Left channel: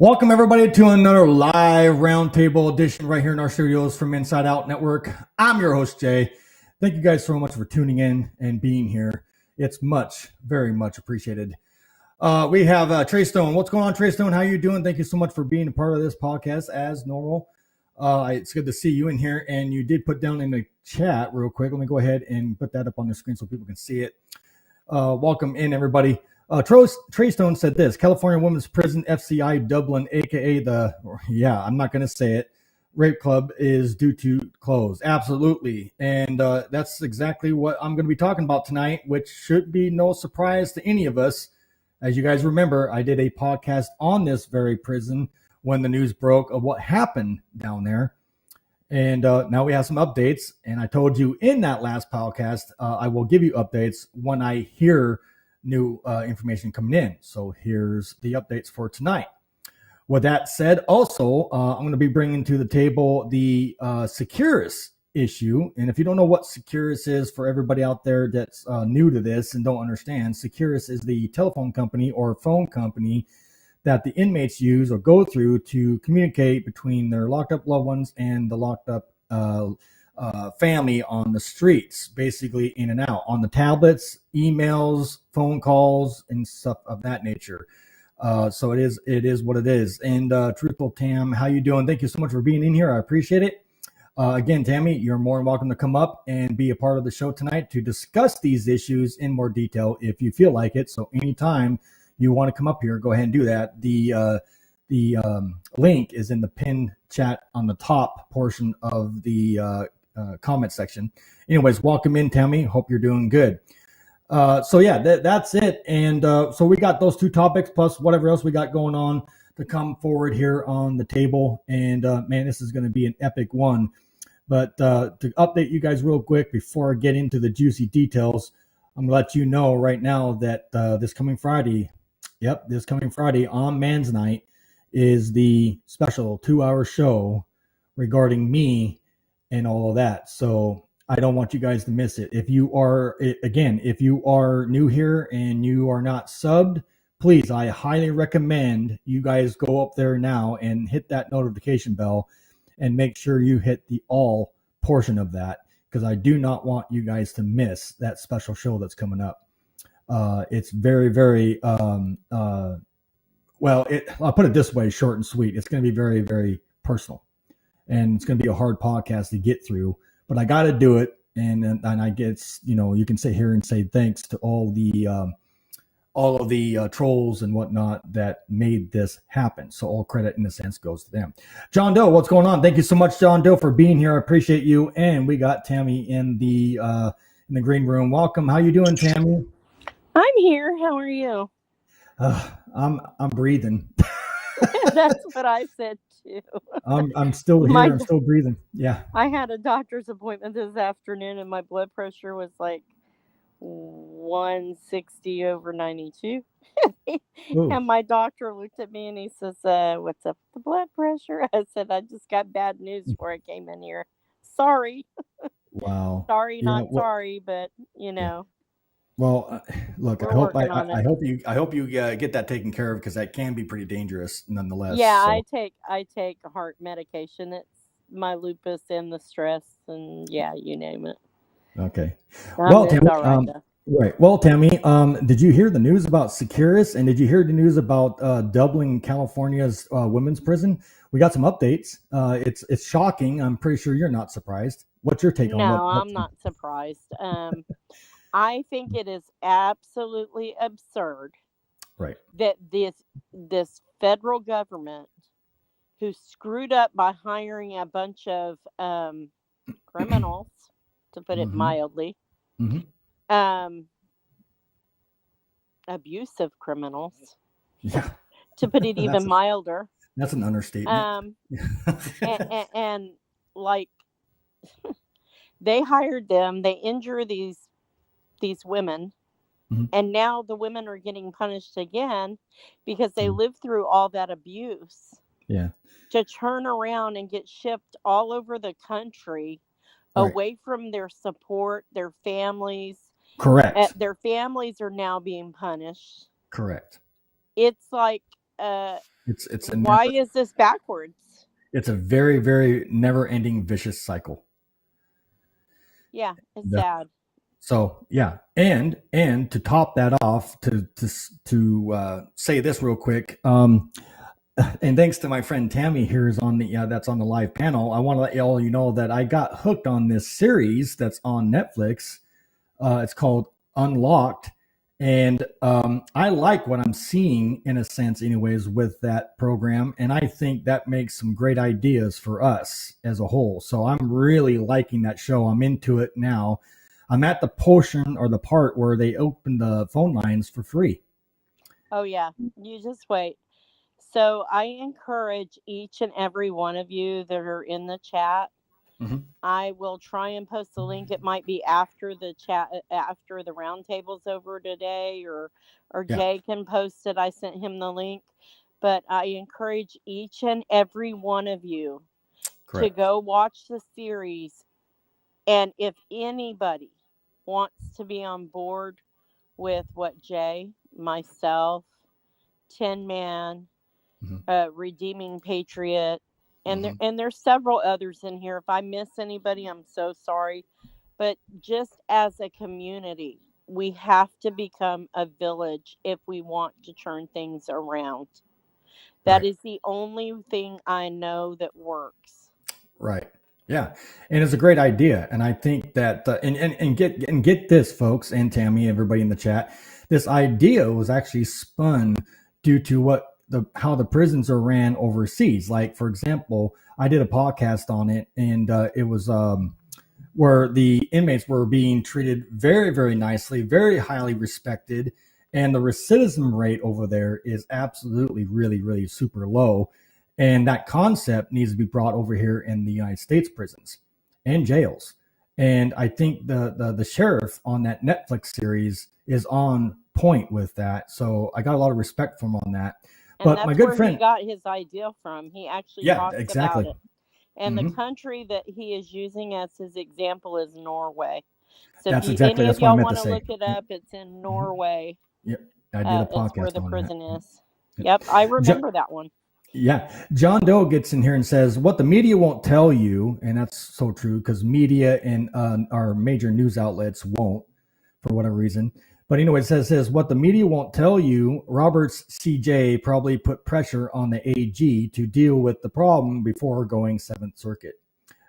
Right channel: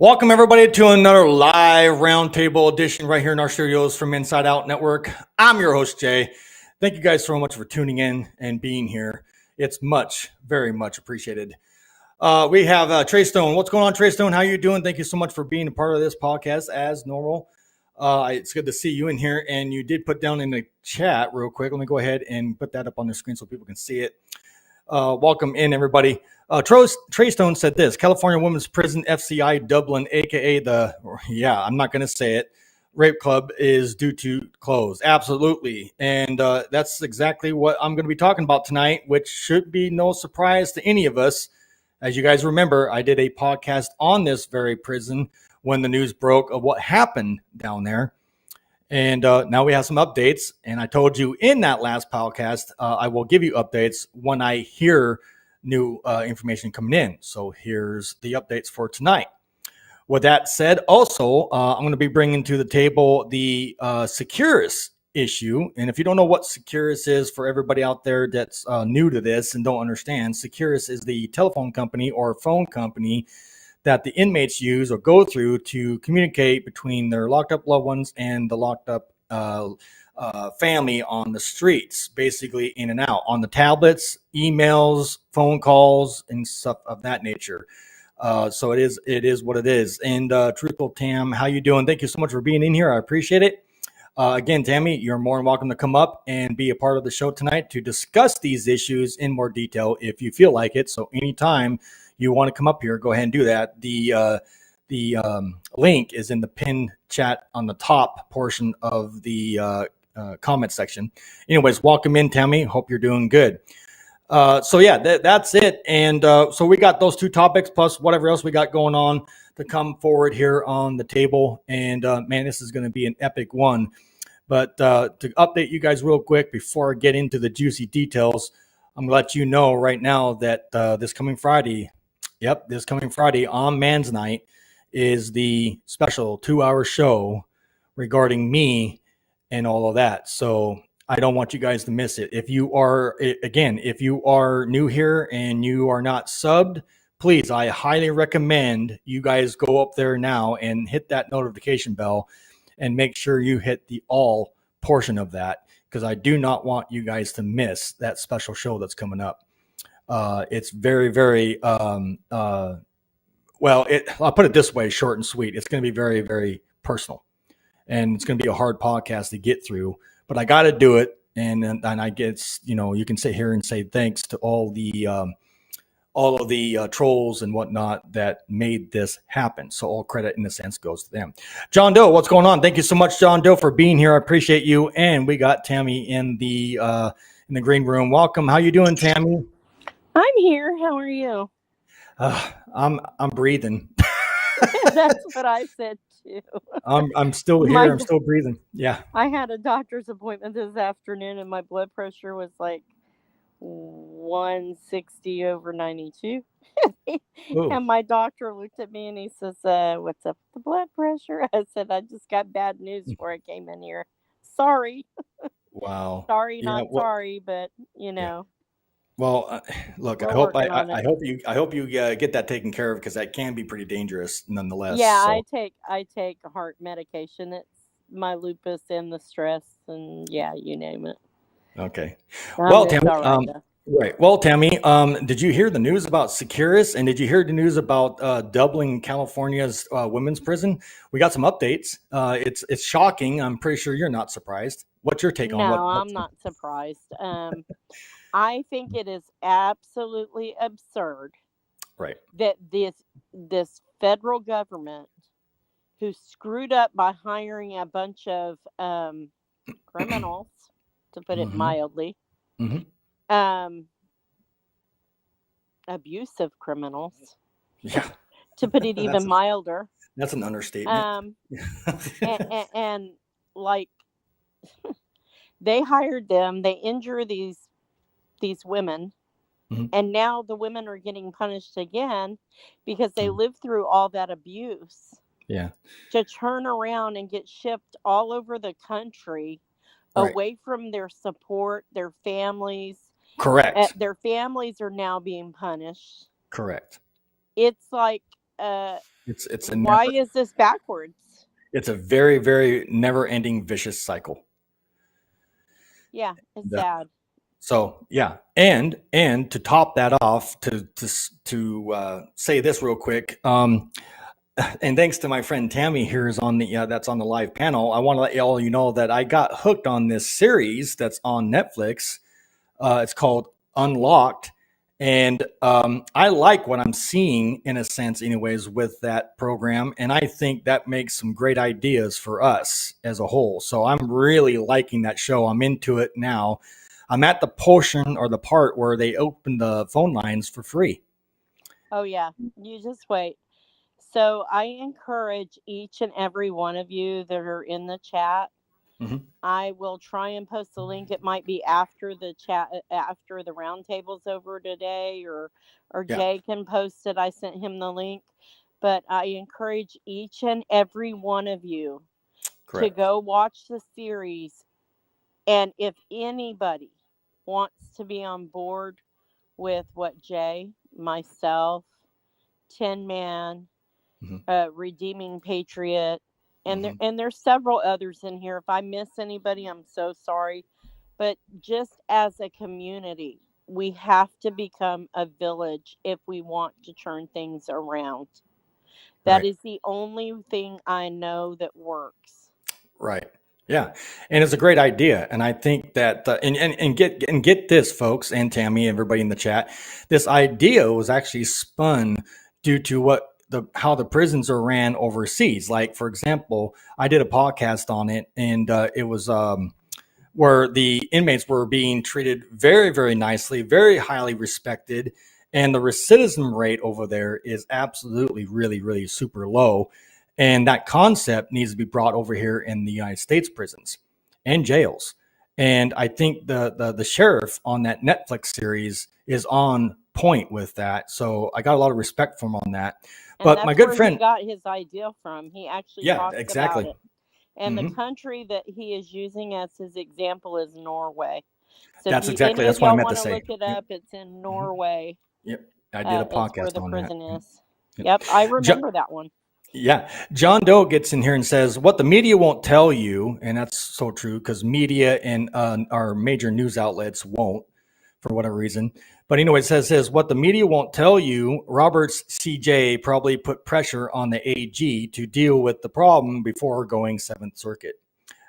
Welcome, everybody, to another live roundtable edition right here in our studios from Inside Out Network. I'm your host, Jay. Thank you guys so much for tuning in and being here. It's very much appreciated. We have Trey Stone. What's going on, Trey Stone? How you doing? Thank you so much for being a part of this podcast as normal. It's good to see you in here. And you did put down in the chat real quick. Let me go ahead and put that up on the screen so people can see it. Welcome in, everybody. Trey Stone said this: California Women's Prison FCI Dublin, aka I'm not going to say it, rape club is due to close. Absolutely. And that's exactly what I'm going to be talking about tonight, which should be no surprise to any of us. As you guys remember, I did a podcast on this very prison when the news broke of what happened down there. And now we have some updates. And I told you in that last podcast, I will give you updates when I hear new information coming in. So here's the updates for tonight. With that said, also, I'm going to be bringing to the table the SECURUS issue. And if you don't know what SECURUS is, for everybody out there that's new to this and don't understand, SECURUS is the telephone company or phone company that the inmates use or go through to communicate between their locked up loved ones and the locked up family on the streets, basically in and out on the tablets, emails, phone calls, and stuff of that nature. So it is what it is. And Truthful Tam, how you doing? Thank you so much for being in here. I appreciate it. Again, Tammy, you're more than welcome to come up and be a part of the show tonight to discuss these issues in more detail if you feel like it. So anytime you want to come up here, go ahead and do that. The link is in the pinned chat on the top portion of the comment section. Anyways, welcome in, Tammy. Hope you're doing good. So yeah, that's it. And so we got those two topics plus whatever else we got going on to come forward here on the table. And man, this is going to be an epic one. But to update you guys real quick before I get into the juicy details, I'm going to let you know right now that this coming Friday on Man's Night is the special 2-hour show regarding me and all of that. So I don't want you guys to miss it. If you are new here and you are not subbed, please, I highly recommend you guys go up there now and hit that notification bell and make sure you hit the all portion of that, because I do not want you guys to miss that special show that's coming up. It's very, very, I'll put it this way, short and sweet. It's going to be very, very personal, and it's going to be a hard podcast to get through, but I got to do it. And I guess, you can sit here and say thanks to all of the trolls and whatnot that made this happen. So all credit in a sense goes to them. John Doe, what's going on? Thank you so much, John Doe, for being here. I appreciate you. And we got Tammy in the green room. Welcome. How you doing, Tammy? I'm here. How are you? I'm breathing. That's what I said too. I'm still here. I'm still breathing. Yeah. I had a doctor's appointment this afternoon, and my blood pressure was like 160/92. And my doctor looked at me and he says, "What's up with the blood pressure?" I said, "I just got bad news before I came in here. Sorry." Wow. Sorry, sorry, but Yeah. Well, look, I hope you get that taken care of, because that can be pretty dangerous nonetheless. Yeah, so. I take heart medication. It's my lupus and the stress, and yeah, you name it. Okay. Well, Tammy, right. Well, Tammy, did you hear the news about SECURUS, and did you hear the news about Dublin, California's women's prison? We got some updates. It's shocking. I'm pretty sure you're not surprised. What's your take on that? No, I'm not surprised. I think it is absolutely absurd, right, that this federal government, who screwed up by hiring a bunch of criminals, to put it mildly, abusive criminals. Yeah. To put it even milder. That's an understatement. And like they hired them, they injure these women, and now the women are getting punished again because they lived through all that abuse. Yeah. To turn around and get shipped all over the country away from their support, their families. Correct. Their families are now being punished. Correct. It's like why is this backwards? It's a very, very never-ending vicious cycle. Yeah, it's sad. So yeah, and to top that off, to say this real quick, and thanks to my friend Tammy here is on the that's on the live panel. I want to let all you know that I got hooked on this series that's on Netflix. It's called Unlocked. And I like what I'm seeing, in a sense, anyways, with that program. And I think that makes some great ideas for us as a whole. So I'm really liking that show. I'm into it now. I'm at the portion or the part where they open the phone lines for free. Oh, yeah. You just wait. So I encourage each and every one of you that are in the chat. I will try and post the link. It might be after the chat, after the roundtable's over today, or Jay can post it. I sent him the link, but I encourage each and every one of you to go watch the series. And if anybody wants to be on board with what Jay, myself, Tin Man, Redeeming Patriot, and there's several others in here. If I miss anybody, I'm so sorry. But just as a community, we have to become a village if we want to turn things around. That is the only thing I know that works. Right. Yeah. And it's a great idea. And I think that, and get this, folks, and Tammy, everybody in the chat, this idea was actually spun due to how the prisons are ran overseas. Like, for example, I did a podcast on it, and it was where the inmates were being treated very, very nicely, very highly respected. And the recidivism rate over there is absolutely really, really super low. And that concept needs to be brought over here in the United States prisons and jails. And I think the sheriff on that Netflix series is on point with that. So I got a lot of respect from him on that. And but that's my good where friend he got his idea from. He actually talks about it. And the country that he is using as his example is Norway. So that's if any of y'all want to look it up, it's in Norway. Yep, I did a podcast where the on prison that. is. Yep, I remember that one. Yeah. John Doe gets in here and says, what the media won't tell you, and that's so true because media and our major news outlets won't for whatever reason. But anyway, it says what the media won't tell you, Roberts CJ probably put pressure on the AG to deal with the problem before going 7th Circuit.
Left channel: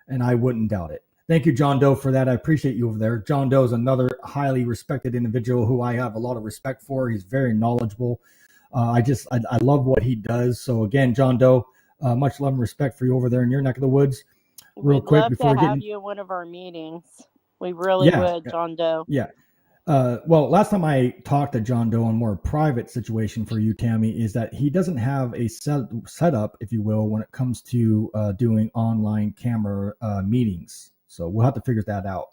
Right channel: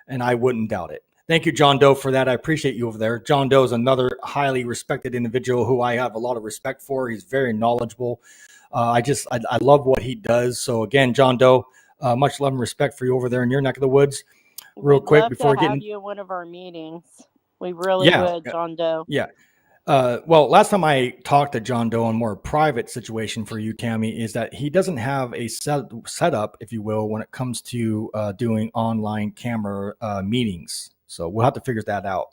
And I wouldn't doubt it. Thank you, John Doe, for that. I appreciate you over there. John Doe is another highly respected individual who I have a lot of respect for. He's very knowledgeable. I love what he does. So again, John Doe, much love and respect for you over there in your neck of the woods. Real quick before we have you in one of our meetings. We really would, John Doe. Yeah. Well, last time I talked to John Doe in a more private situation for you, Tammy, is that he doesn't have a setup, if you will, when it comes to doing online camera meetings. So we'll have to figure that out.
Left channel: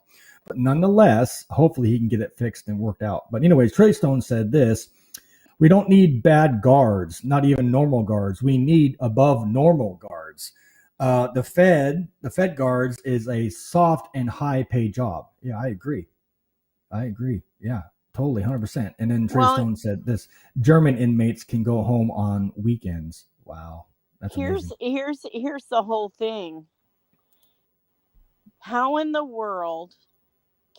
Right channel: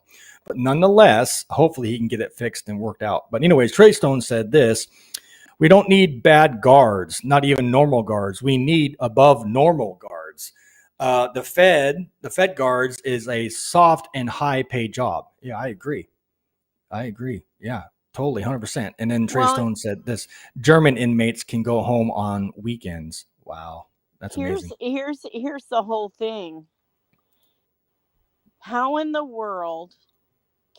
But nonetheless, hopefully he can get it fixed and worked out. But anyways, Trey Stone said this: we don't need bad guards, not even normal guards. We need above normal guards. The Fed guards is a soft and high pay job. Yeah, I agree. Yeah, totally, 100%. And then Trey Stone said this: German inmates can go home on weekends. Wow, that's amazing. Here's the whole thing. How in the world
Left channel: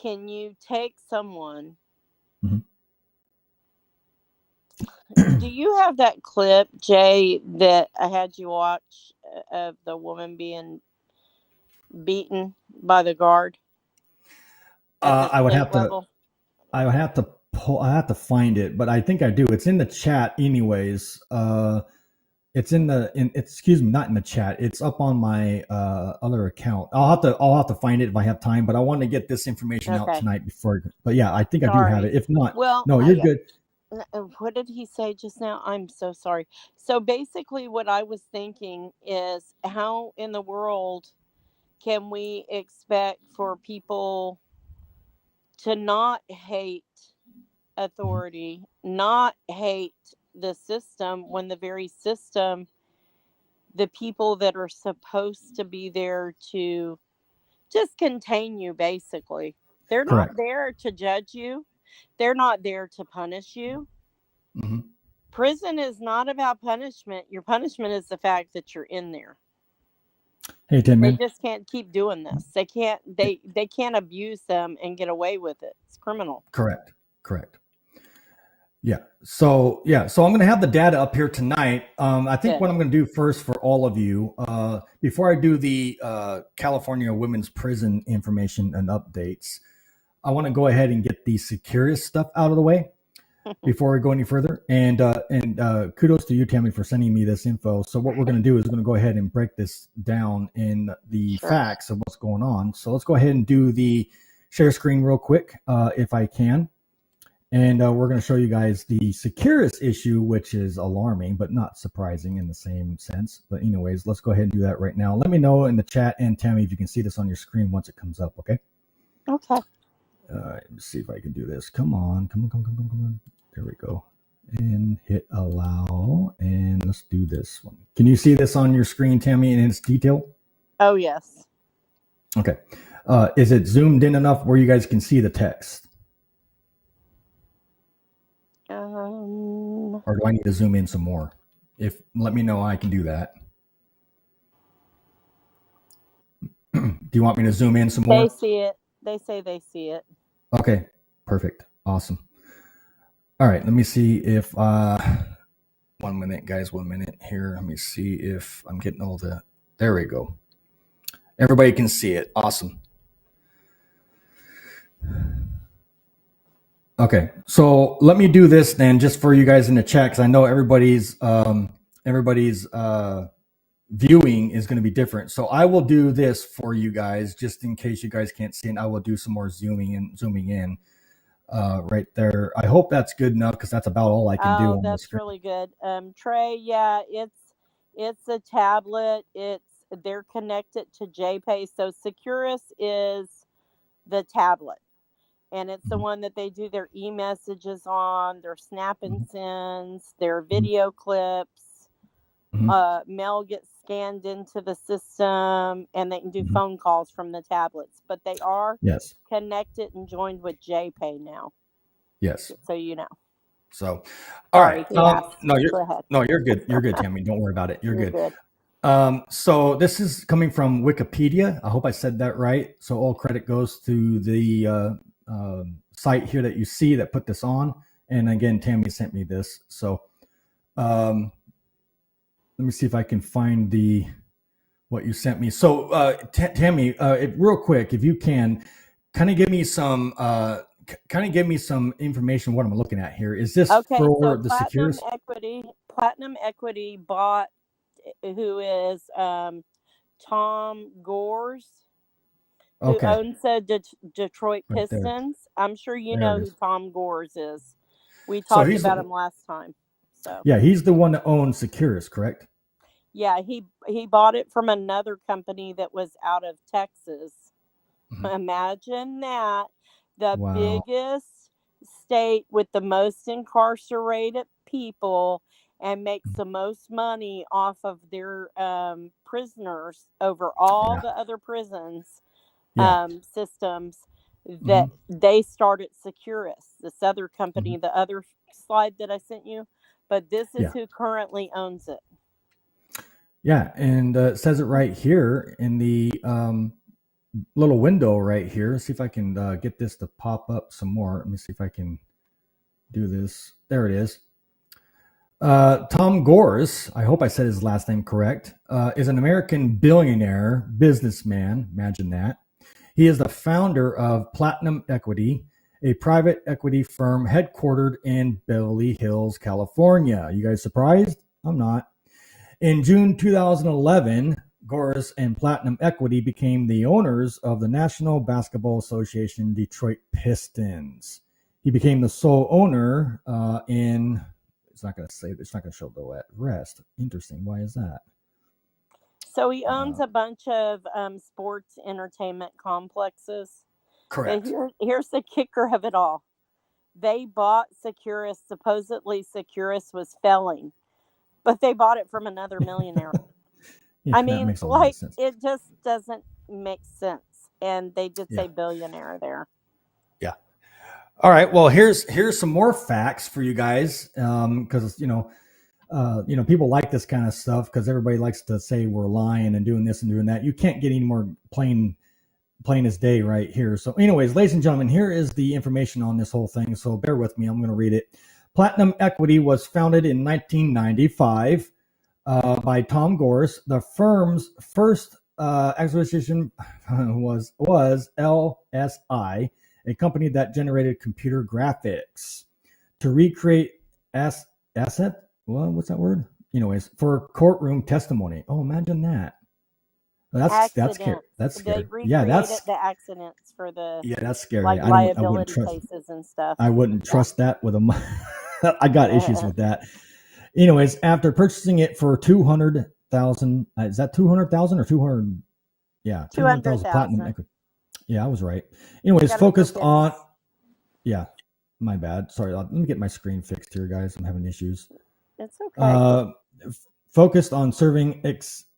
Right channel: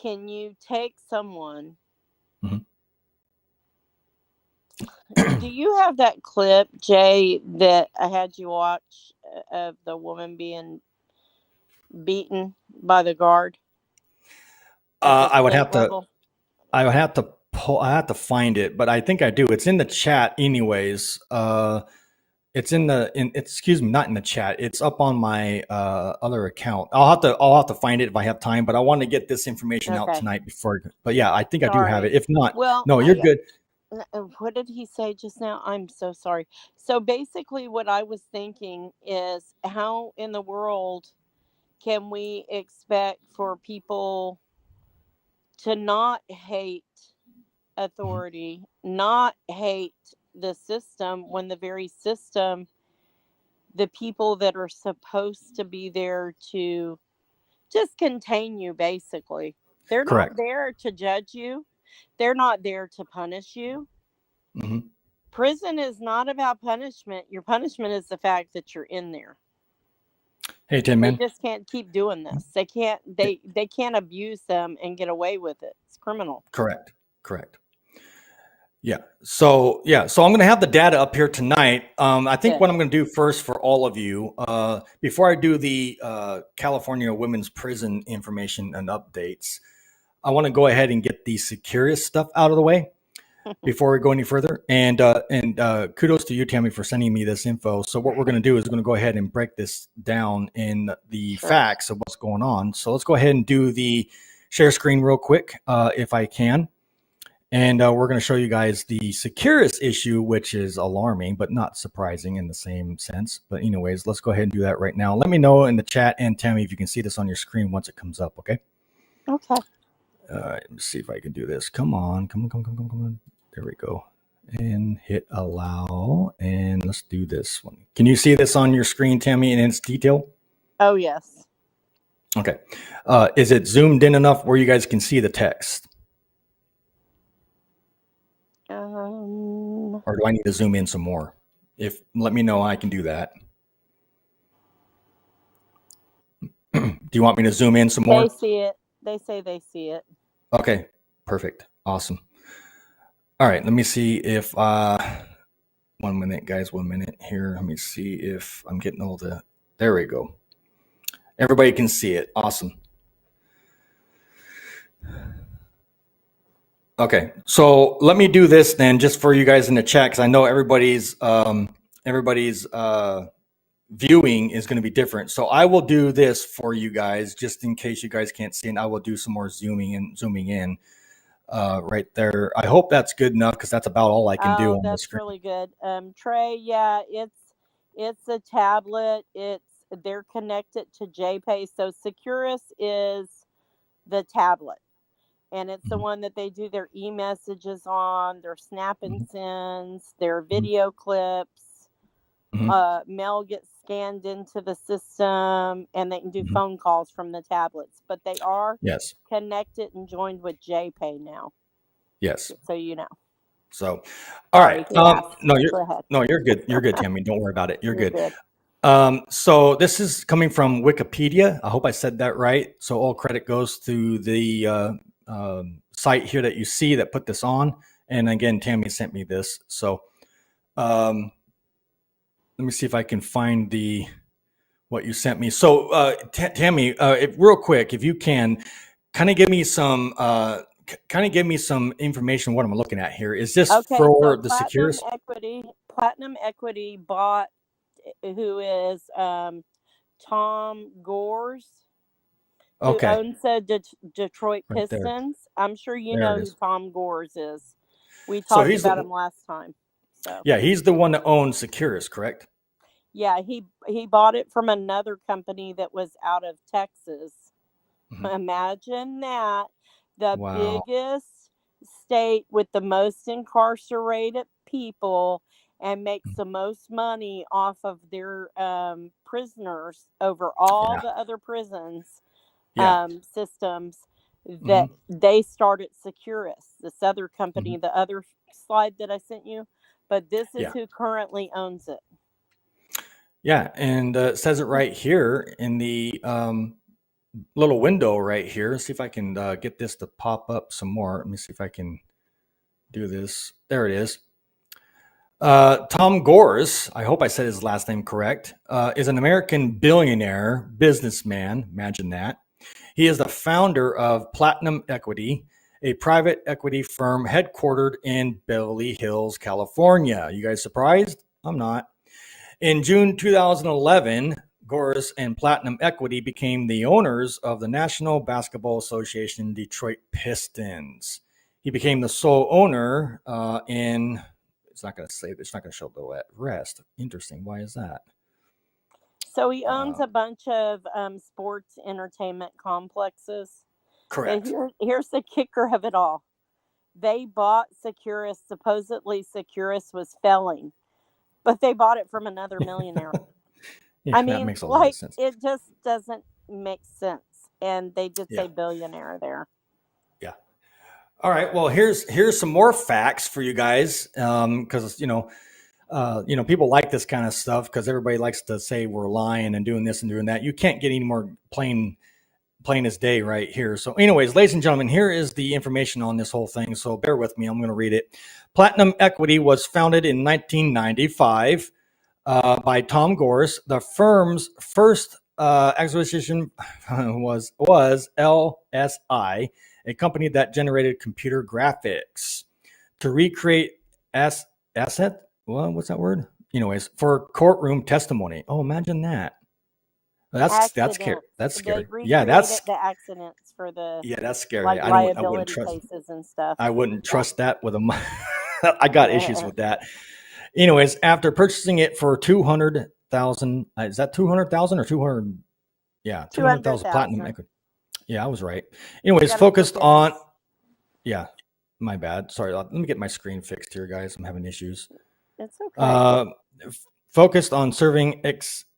can you take someone? Do you have that clip, Jay, that I had you watch of the woman being beaten by the guard? I would have to find it, but I think I do. It's in the chat anyways. It's excuse me, not in the chat. It's up on my other account. I'll have to find it if I have time, but I want to get this information out tonight before. But yeah, I think I do have it. If not, no, you're good. What did he say just now? I'm so sorry. So basically, what I was thinking is, how in the world can we expect for people to not hate authority, not hate the system, when the very system, the people that are supposed to be there to just contain you, basically, they're not Correct. there to judge you, they're not there to punish you. Mm-hmm. Prison is not about punishment. Your punishment is the fact that you're in there. Hey, Tim, They man. just can't keep doing this. They can't abuse them and get away with it. It's criminal. Correct. Correct. So I'm going to have the data up here tonight. I think Good. what I'm going to do first for all of you, before I do the California women's prison information and updates, I want to go ahead and get the SECURUS stuff out of the way before we go any further. And kudos to you, Tammy, for sending me this info. So what we're going to do is we're going to go ahead and break this down in the facts of what's going on. So let's go ahead and do the share screen real quick, if I can. And we're going to show you guys the SECURUS issue, which is alarming, but not surprising in the same sense. But anyways, let's go ahead and do that right now. Let me know in the chat, and Tammy, if you can see this on your screen once it comes up, okay? Okay. Let's see if I can do this. Come on. There we go. And hit allow, and let's do this one. Can you see this on your screen, Tammy, in its detail? Oh, yes. Okay. Is it zoomed in enough where you guys can see the text? Or do I need to zoom in some more? Let me know, I can do that. Do you want me to zoom in some more? They see it. They say they see it. Okay, perfect. Awesome. All right, let me see if 1 minute, guys, 1 minute here. Let me see if I'm getting all the, there we go. Everybody can see it. Awesome. Okay, so let me do this then, just for you guys in the chat, because I know everybody's viewing is going to be different. So I will do this for you guys, just in case you guys can't see, and I will do some more zooming in right there. I hope that's good enough, because that's about all I can do on that's the screen. really good. Trey, yeah, it's a tablet. They're connected to JPay. So SECURUS is the tablet. And it's the one that they do their e-messages on, their snap and sends, their video clips. Mail gets scanned into the system, and they can do phone calls from the tablets. But they are connected and joined with JPay now. Yes. So you know. So, all right. No, you're good. You're good, Tammy. Don't worry about it. You're good. So this is coming from Wikipedia. I hope I said that right. So all credit goes to the site here that you see that put this on. And again, Tammy sent me this. So let me see if I can find what you sent me. So Tammy, real quick, if you can, kind of give me some information what I'm looking at here. Is this for the SECURUS? Platinum Equity bought, who is Tom Gores, who owns the Detroit Pistons. I'm sure you know who Tom Gores is. We talked about him last time. So yeah, he's the one that owns SECURUS, correct? Yeah, he bought it from another company that was out of Texas. Imagine that. The biggest state with the most incarcerated people and makes the most money off of their prisoners over all the other prisons systems, that they started SECURUS, this other company, the other slide that I sent you. But this is who currently owns it. Yeah, and it says it right here in the little window right here. Let's see if I can get this to pop up some more. Let me see if I can do this. There it is. Tom Gores, I hope I said his last name correct, is an American billionaire businessman. Imagine that. He is the founder of Platinum Equity, a private equity firm headquartered in Beverly Hills, California. You guys surprised? I'm not. In June 2011, Gores and Platinum Equity became the owners of the National Basketball Association Detroit Pistons. He became the sole owner in. It's not going to say. It's not going to show the rest. Interesting. Why is that? So he owns a bunch of sports entertainment complexes. Correct. But here's the kicker of it all. They bought SECURUS. Supposedly SECURUS was failing, but they bought it from another millionaire. I mean, like, it just doesn't make sense. And they did say billionaire there. Yeah. All right. Well, here's some more facts for you guys, because people like this kind of stuff because everybody likes to say we're lying and doing this and doing that. You can't get any more plain as day right here. So anyways, ladies and gentlemen, here is the information on this whole thing. So bear with me. I'm going to read it. Platinum Equity was founded in 1995 by Tom Gores. The firm's first acquisition was LSI, a company that generated computer graphics to recreate asset. Well, what's that word? Anyways, for courtroom testimony. Oh, imagine that. That's scary. That's scary. They recreated the accidents for the that's scary. Like liability cases and stuff. I wouldn't trust that with a. I got issues with that. Anyways, after purchasing it for 200,000, is that 200,000 or 200? Yeah, 200,000 platinum equity. Yeah, I was right. Anyways, focused on. Yeah, my bad. Sorry. Let me get my screen fixed here, guys. I'm having issues. It's okay. Focused on serving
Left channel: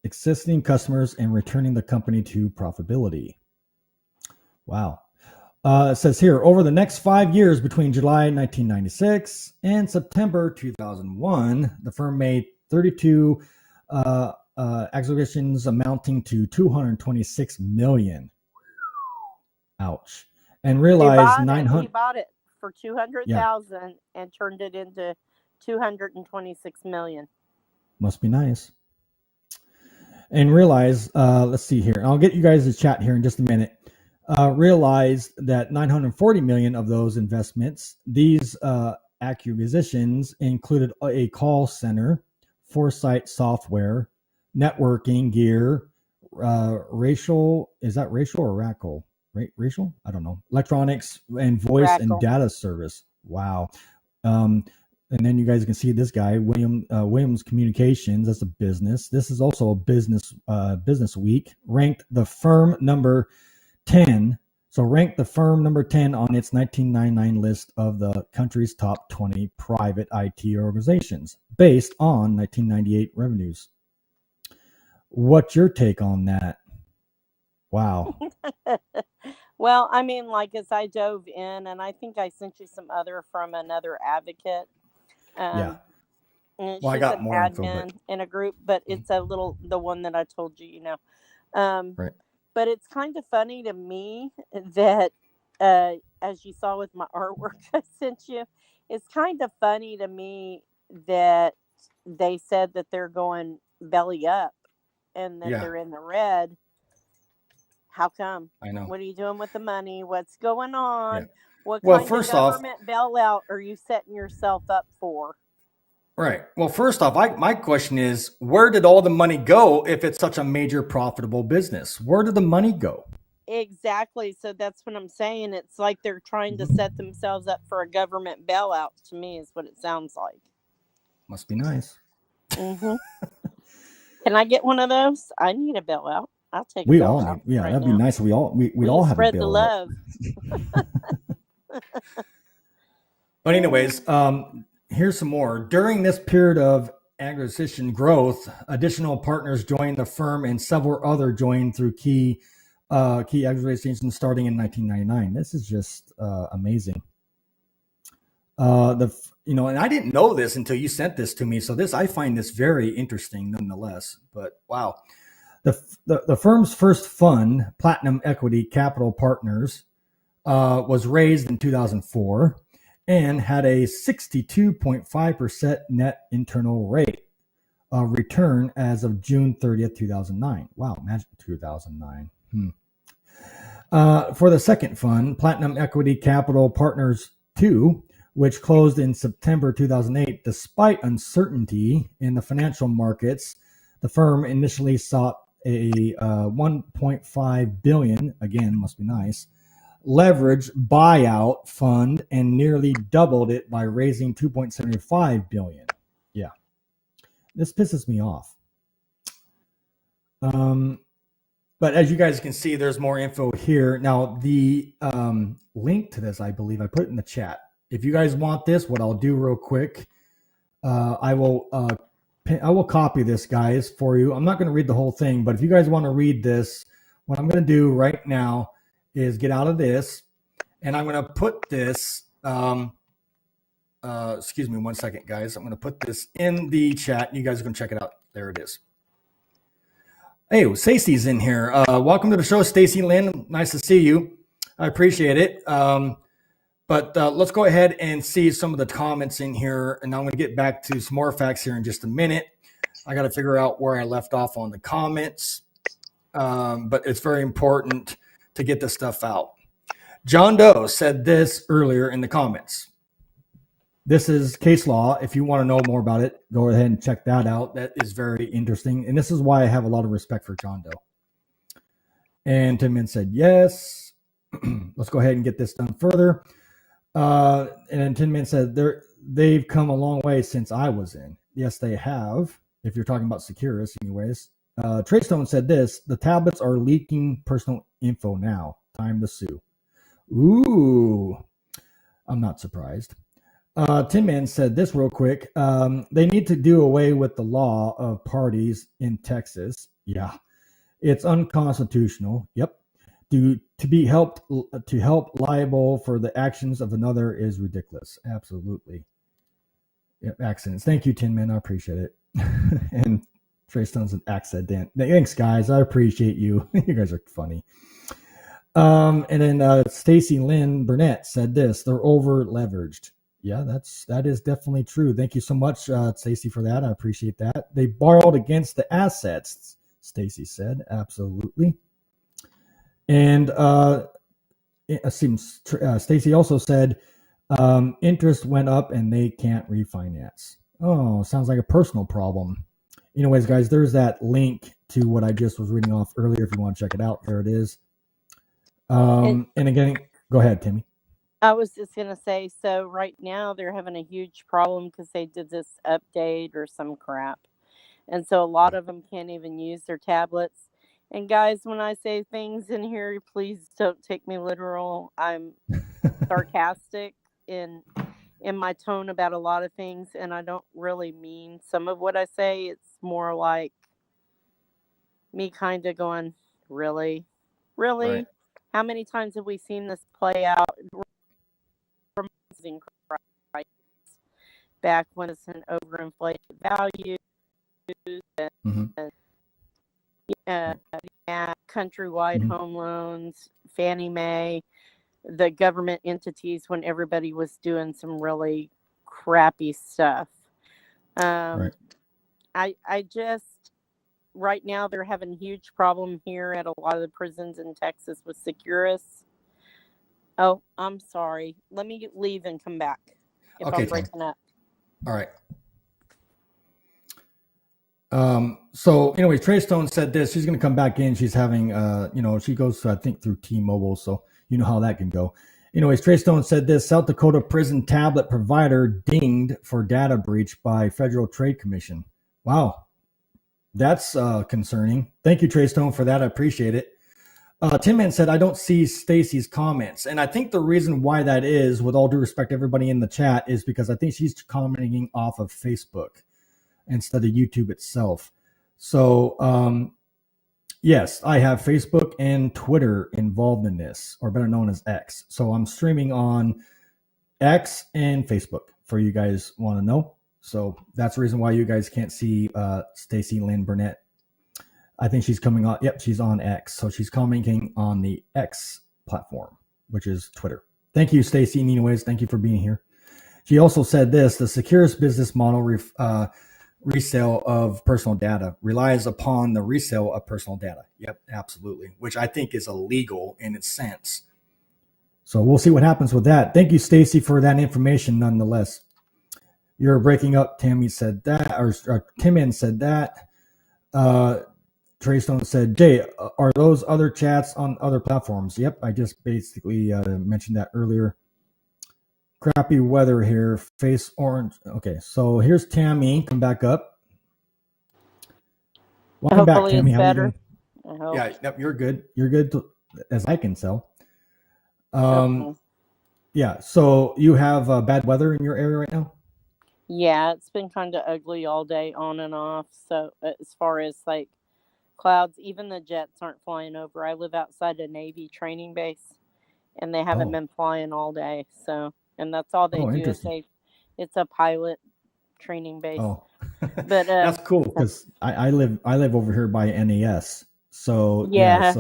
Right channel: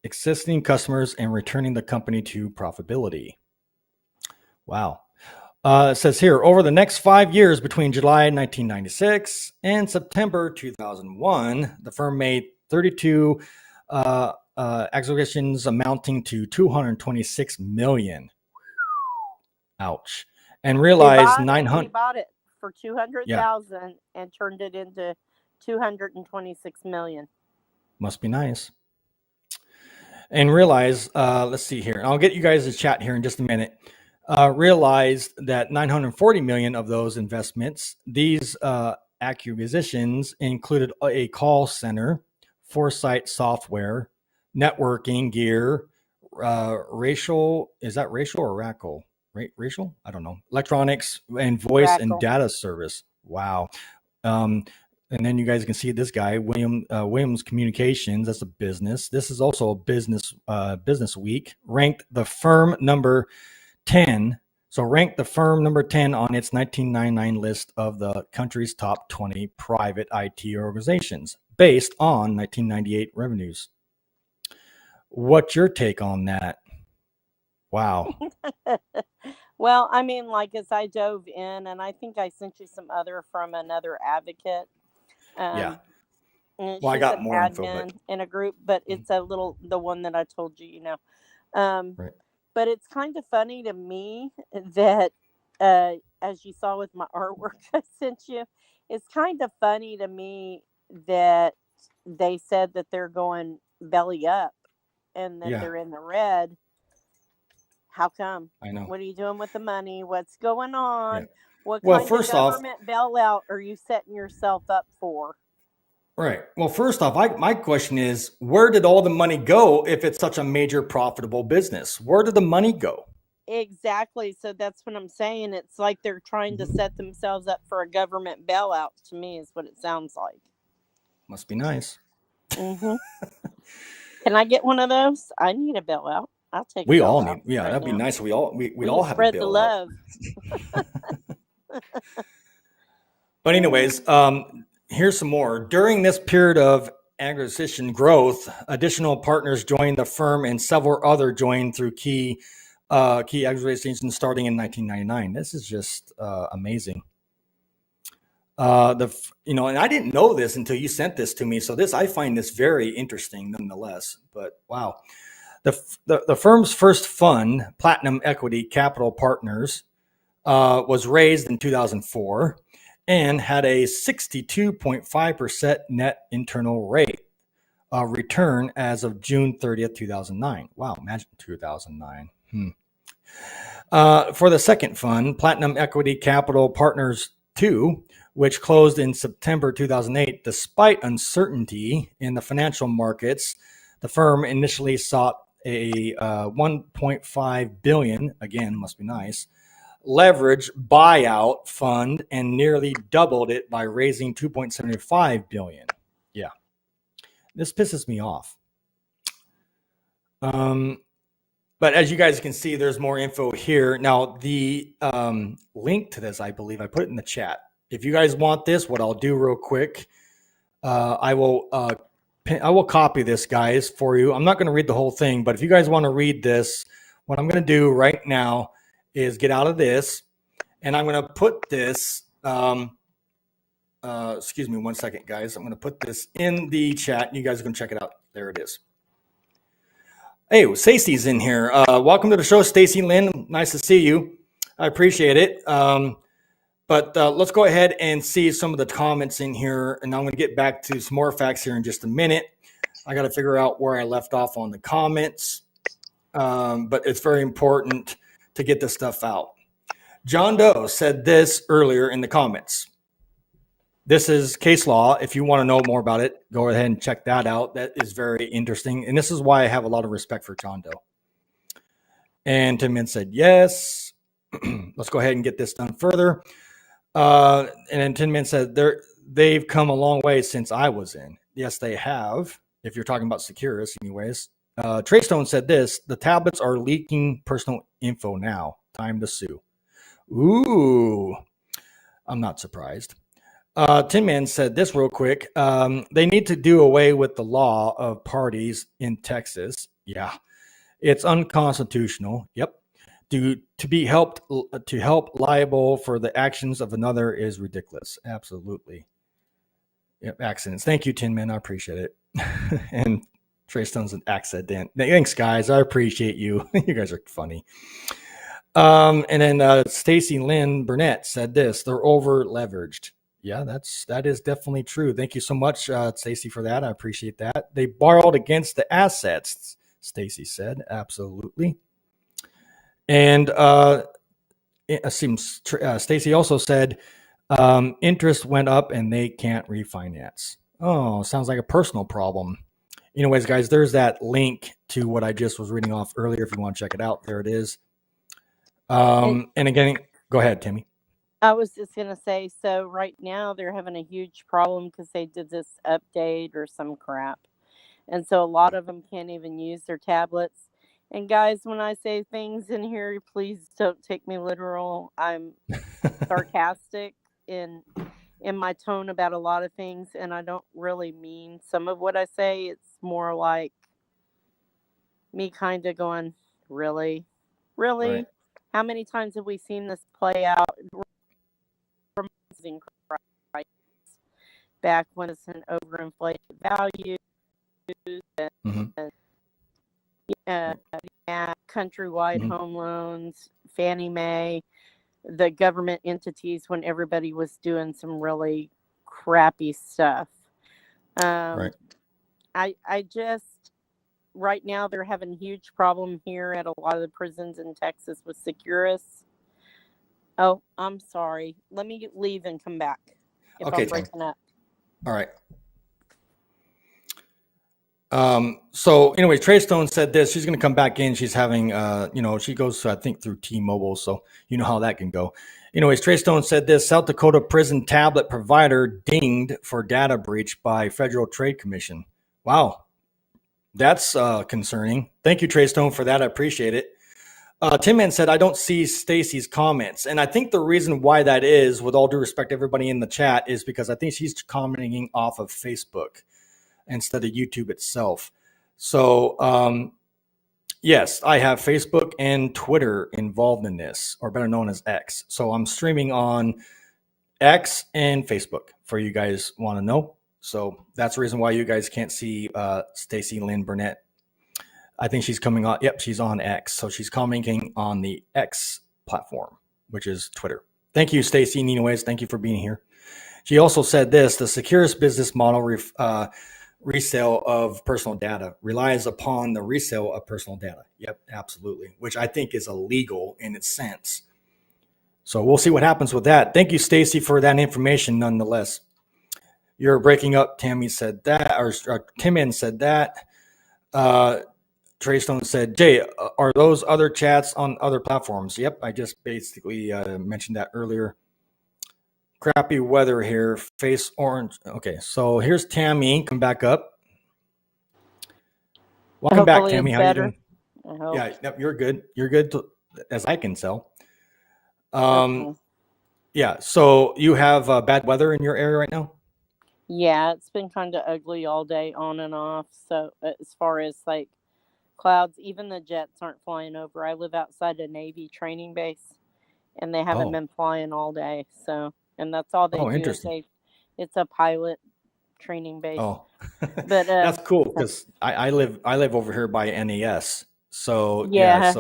existing customers and returning the company to profitability. Wow. It says here, over the next 5 years between July 1996 and September 2001, the firm made 32 acquisitions amounting to $226 million. Ouch. And realized 900. He bought it for 200,000 and turned it into 226 million. Must be nice. And realize, let's see here. I'll get you guys a chat here in just a minute. Realized that 940 million of those investments, these acquisitions included a call center, foresight software, networking gear, racial, is that racial or racial? Racial? I don't know. Electronics and voice and data service. Wow. And then you guys can see this guy, Williams Communications. That's a business. This is also a business week. Ranked the firm number 10. So ranked the firm number 10 on its 1999 list of the country's top 20 private IT organizations based on 1998 revenues. What's your take on that? Wow. Well, I mean, like as I dove in, and I think I sent you some other from another advocate. Well, I got more admin in a group, but it's the one that I told you, right. But it's kind of funny to me that, as you saw with my artwork I sent you, it's kind of funny to me that they said that they're going belly up and that they're in the red. How come? I know. What are you doing with the money? What's going on? Yeah. What kind of government bailout are you setting yourself up for? Right. Well, first off, my question is, where did all the money go if it's such a major profitable business? Where did the money go? Exactly. So that's what I'm saying. It's like they're trying to set themselves up for a government bailout, to me, is what it sounds like. Must be nice. Mm-hmm. Can I get one of those? I need a bailout. I'll take it. We all need. Yeah, that'd be nice. We'd all have spread a bailout. the love. But anyways, here's some more. During this period of acquisition growth, additional partners joined the firm and several other joined through key acquisitions starting in 1999. This is just amazing. And I didn't know this until you sent this to me. So I find this very interesting nonetheless. But wow. The firm's first fund, Platinum Equity Capital Partners, was raised in 2004 and had a 62.5% net internal rate of return as of June 30th, 2009. Wow, imagine 2009. For the second fund, Platinum Equity Capital Partners 2, which closed in September 2008, despite uncertainty in the financial markets, the firm initially sought a $1.5 billion, again, must be nice, leverage buyout fund and nearly doubled it by raising $2.75 billion. Yeah, this pisses me off. But as you guys can see, there's more info here. Now, the link to this, I believe I put it in the chat. If you guys want this, what I'll do real quick, I will copy this, guys, for you. I'm not going to read the whole thing, but if you guys want to read this, what I'm going to do right now is get out of this, and I'm going to put this, excuse me one second, guys. I'm going to put this in the chat. You guys are going to check it out. There it is. Hey, Stacy's in here. Welcome to the show, Stacy Lynn. Nice to see you. I appreciate it. But let's go ahead and see some of the comments in here. And I'm going to get back to some more facts here in just a minute. I got to figure out where I left off on the comments. But it's very important to get this stuff out. John Doe said this earlier in the comments. This is case law. If you want to know more about it, go ahead and check that out. That is very interesting. And this is why I have a lot of respect for John Doe. And Tim Min said, yes. Let's go ahead and get this done further. And then Tin Man said, they've come a long way since I was in. Yes, they have. If you're talking about SECURUS, anyways. Trey Stone said this, the tablets are leaking personal info now. Time to sue. Ooh, I'm not surprised. Tin Man said this real quick. They need to do away with the law of parties in Texas. Yeah, it's unconstitutional. Yep. To help liable for the actions of another is ridiculous. Absolutely. Yep, accidents. Thank you, Tin Man. I appreciate it. And Trey Stone's an accident. Thanks, guys. I appreciate you. You guys are funny. And then Stacy Lynn Burnett said this: they're over leveraged. Yeah, that is definitely true. Thank you so much, Stacy, for that. I appreciate that. They borrowed against the assets, Stacy said. Absolutely. And Stacy also said interest went up and they can't refinance. Oh, sounds like a personal problem. Anyways, guys, there's that link to what I just was reading off earlier. If you want to check it out, there it is. And again, go ahead, Timmy. I was just going to say, so right now they're having a huge problem because they did this update or some crap. And so a lot of them can't even use their tablets. And guys, when I say things in here, please don't take me literal. I'm sarcastic in my tone about a lot of things, and I don't really mean some of what I say. It's more like me kind of going, really? Right. How many times have we seen this play out? Back when it's an overinflated value, countrywide home loans, Fannie Mae, the government entities when everybody was doing some really crappy stuff. Right. I just, right now they're having a huge problem here at a lot of the prisons in Texas with SECURUS. Oh, I'm sorry. Let me leave and come back if I'm breaking up. All right. So anyways, Trey Stone said this, she's going to come back in. She's having, she goes, I think, through T-Mobile. So you know how that can go. Anyways, Trey Stone said this, South Dakota prison tablet provider dinged for data breach by Federal Trade Commission. Wow. That's concerning. Thank you, Trey Stone, for that. I appreciate it. Tim Man said, I don't see Stacy's comments. And I think the reason why that is, with all due respect to everybody in the chat, is because I think she's commenting off of Facebook instead of YouTube itself. So, yes, I have Facebook and Twitter involved in this, or better known as X. So I'm streaming on X and Facebook for you guys want to know. So that's the reason why you guys can't see Stacy Lynn Burnett. I think she's coming on. Yep, she's on X. So she's commenting on the X platform, which is Twitter. Thank you, Stacy. Anyways, thank you for being here. She also said this, the SECURUS business model resale of personal data relies upon the resale of personal data. Yep, absolutely. Which I think is illegal in its sense. So we'll see what happens with that. Thank you, Stacy, for that information nonetheless. You're breaking up, Tammy said that, or Tim said that. Trey Stone said, Jay, are those other chats on other platforms? Yep, I just basically mentioned that earlier. Crappy weather here, face orange. Okay, so here's Tammy. Come back up. Welcome back, Hopefully Tammy. it's How you better. doing? I hope. Yeah, yep, you're good. You're good, as I can tell. Okay. Yeah, so you have bad weather in your area right now? Yeah, it's been kind of ugly all day, on and off. So as far as like clouds, even the jets aren't flying over. I live outside a Navy training base, and they haven't Oh, been flying all day. So, and that's all they oh, do is interesting. it's a pilot training base. Oh, But that's cool because I live over here by NAS. So yeah,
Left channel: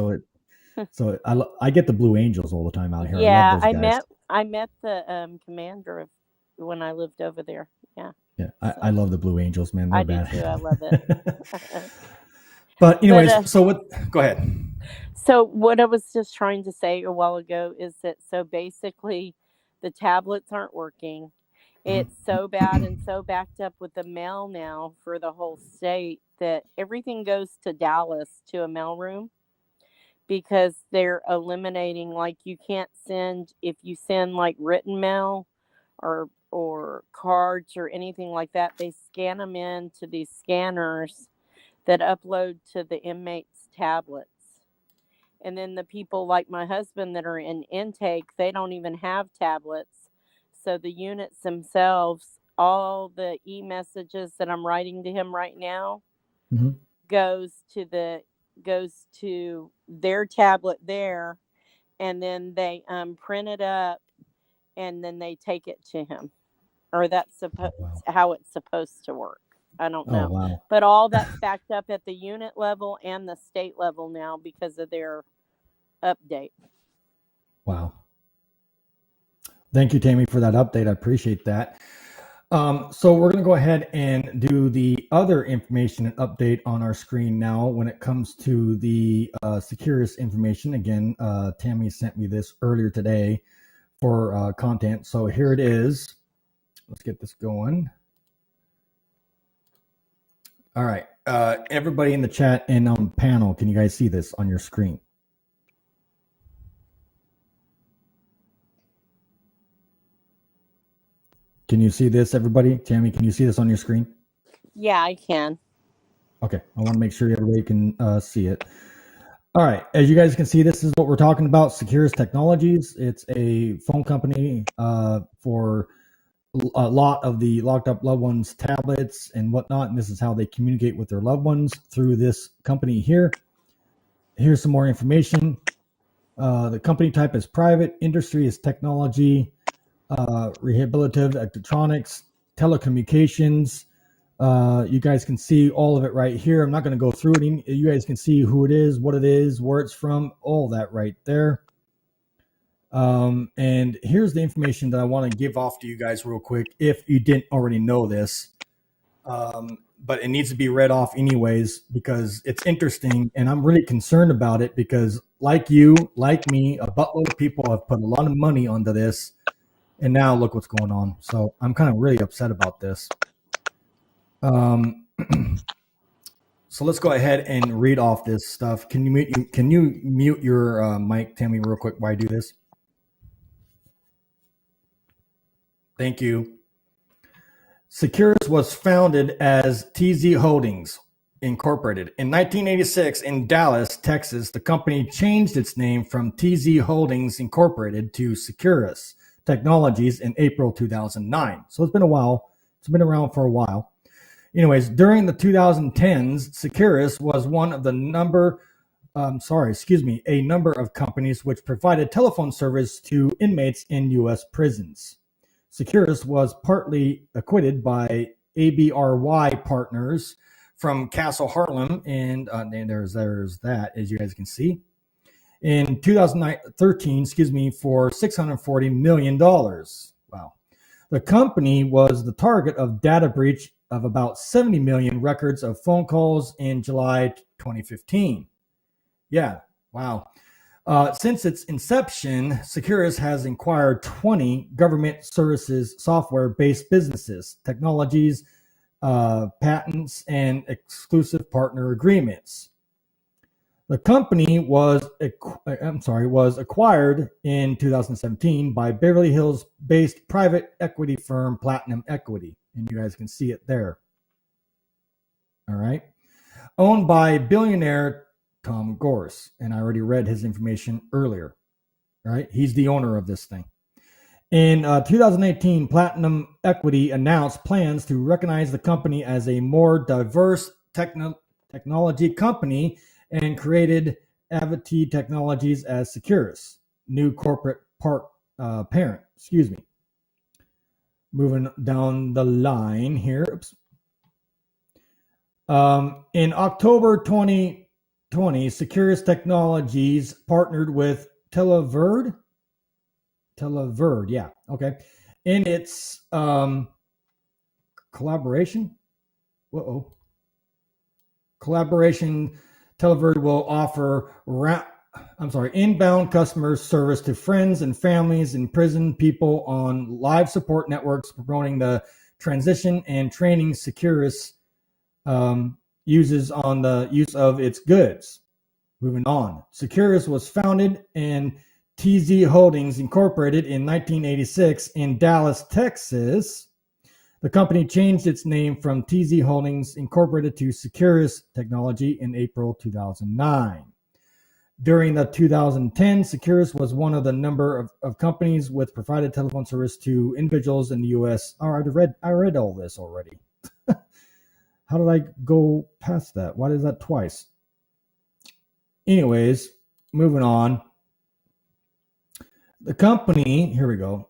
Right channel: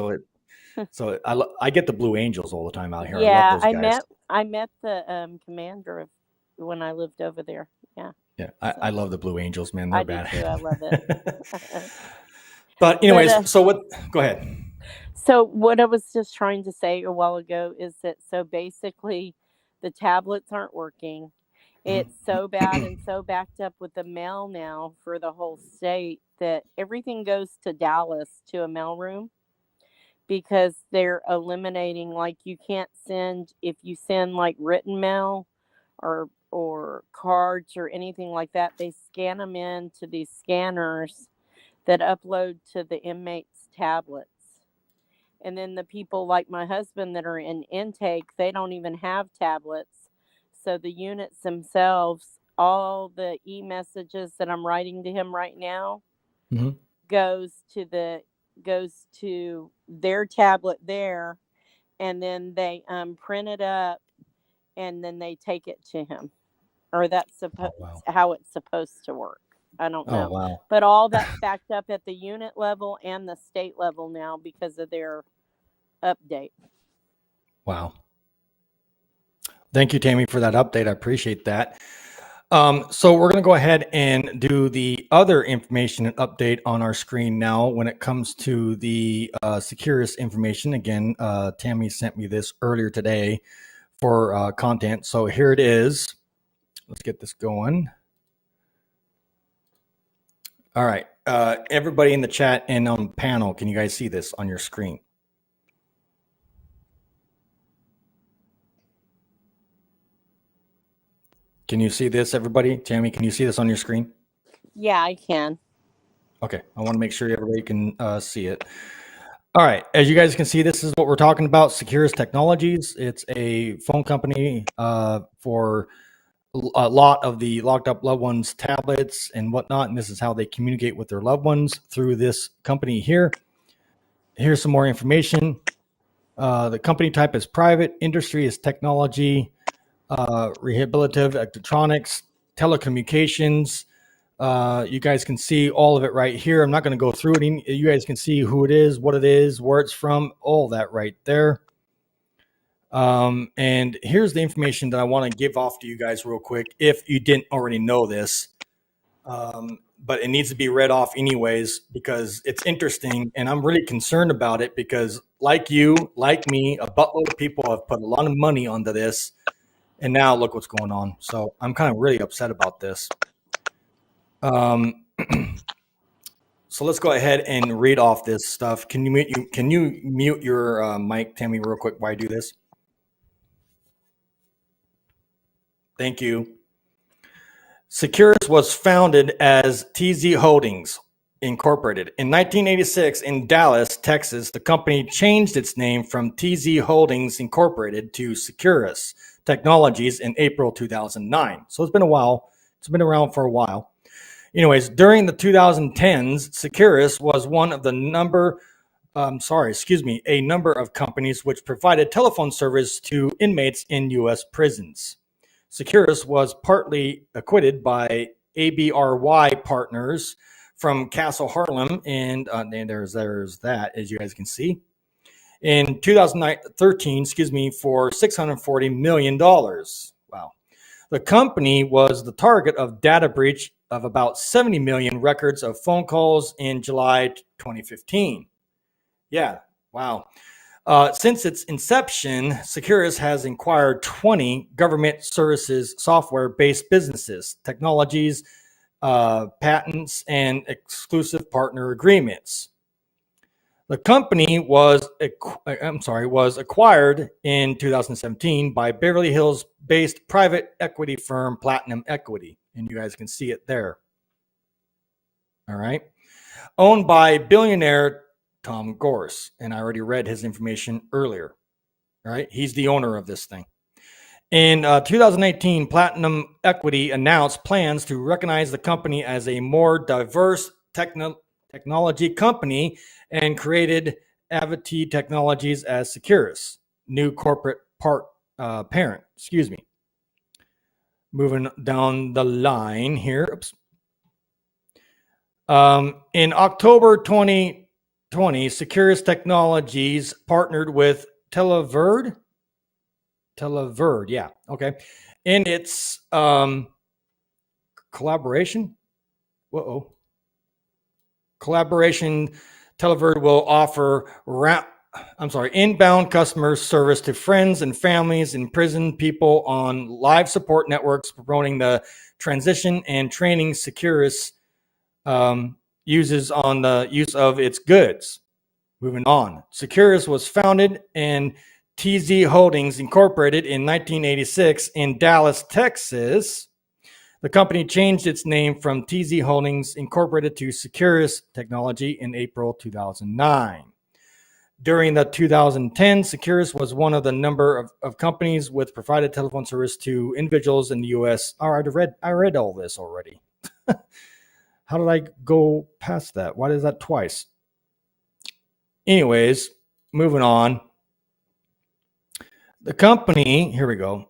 I get the Blue Angels all the time out here. I love yeah, those guys. I met the commander of when I lived over there. Yeah, Yeah, so I love the Blue Angels, man. I They're do too. I love it. bad. But But anyways, so what? Go ahead. so what I was just trying to say a while ago is that so basically the tablets aren't working. It's so bad and so backed up with the mail now for the whole state that everything goes to Dallas to a mailroom because they're eliminating, like, you can't send, if you send like written mail or cards or anything like that, they scan them into these scanners that upload to the inmates' tablets. And then the people like my husband that are in intake, they don't even have tablets. So the units themselves, all the e-messages that I'm writing to him right now goes to their tablet there, and then they print it up and then they take it to him. Or that's how it's supposed to work. I don't know. Wow. But all that's backed up at the unit level and the state level now because of their update. Wow. Thank you, Tammy, for that update. I appreciate that. So we're going to go ahead and do the other information and update on our screen now when it comes to the SECURUS information. Again, Tammy sent me this earlier today for content. So here it is. Let's get this going. All right. Everybody in the chat and on the panel, can you guys see this on your screen? Can you see this, everybody? Tammy, can you see this on your screen? Yeah, I can. Okay. I want to make sure everybody can see it. All right. As you guys can see, this is what we're talking about, SECURUS Technologies. It's a phone company for a lot of the locked up loved ones' tablets and whatnot. And this is how they communicate with their loved ones through this company here. Here's some more information. The company type is private, industry is technology, rehabilitative electronics, telecommunications. You guys can see all of it right here. I'm not going to go through it. You guys can see who it is, what it is, where it's from, all that right there. And here's the information that I want to give off to you guys real quick if you didn't already know this. But it needs to be read off anyways because it's interesting and I'm really concerned about it because like you, like me, a buttload of people have put a lot of money onto this and now look what's going on. So I'm kind of really upset about this. So let's go ahead and read off this stuff. Can you mute your mic, Tammy, real quick while I do this? Thank you. SECURUS was founded as TZ Holdings Incorporated. In 1986 in Dallas, Texas, the company changed its name from TZ Holdings Incorporated to SECURUS Technologies in April 2009. So it's been a while. It's been around for a while. Anyways, during the 2010s, SECURUS was one of a number of companies which provided telephone service to inmates in U.S. prisons. SECURUS was partly acquired by ABRY partners from Castle Harlem, and there's that, as you guys can see, in 2013, for $640 million. Wow. The company was the target of data breach of about 70 million records of phone calls in July 2015. Yeah, wow. Since its inception, SECURUS has acquired 20 government services software-based businesses, technologies, patents, and exclusive partner agreements. The company was acquired in 2017 by Beverly Hills-based private equity firm Platinum Equity, and you guys can see it there. All right. Owned by billionaire Tom Gorse, and I already read his information earlier. All right. He's the owner of this thing. In 2018, Platinum Equity announced plans to recognize the company as a more diverse technology company and created Avity Technologies as SECURUS, new corporate parent. Excuse me. Moving down the line here. Oops. In October 2020, SECURUS Technologies partnered with Televerd, yeah, okay. In its collaboration, Televerd will offer inbound customer service to friends and families in prison people on live support networks, promoting the transition and training SECURUS uses on the use of its goods. Moving on, SECURUS was founded and TZ Holdings Incorporated in 1986 in Dallas, Texas. The company changed its name from TZ Holdings Incorporated to SECURUS Technology in April 2009. During the 2010, SECURUS was one of the number of companies with provided telephone service to individuals in the U.S. I read all this already. How did I go past that? Why is that twice? Anyways, moving on. The company, here we go.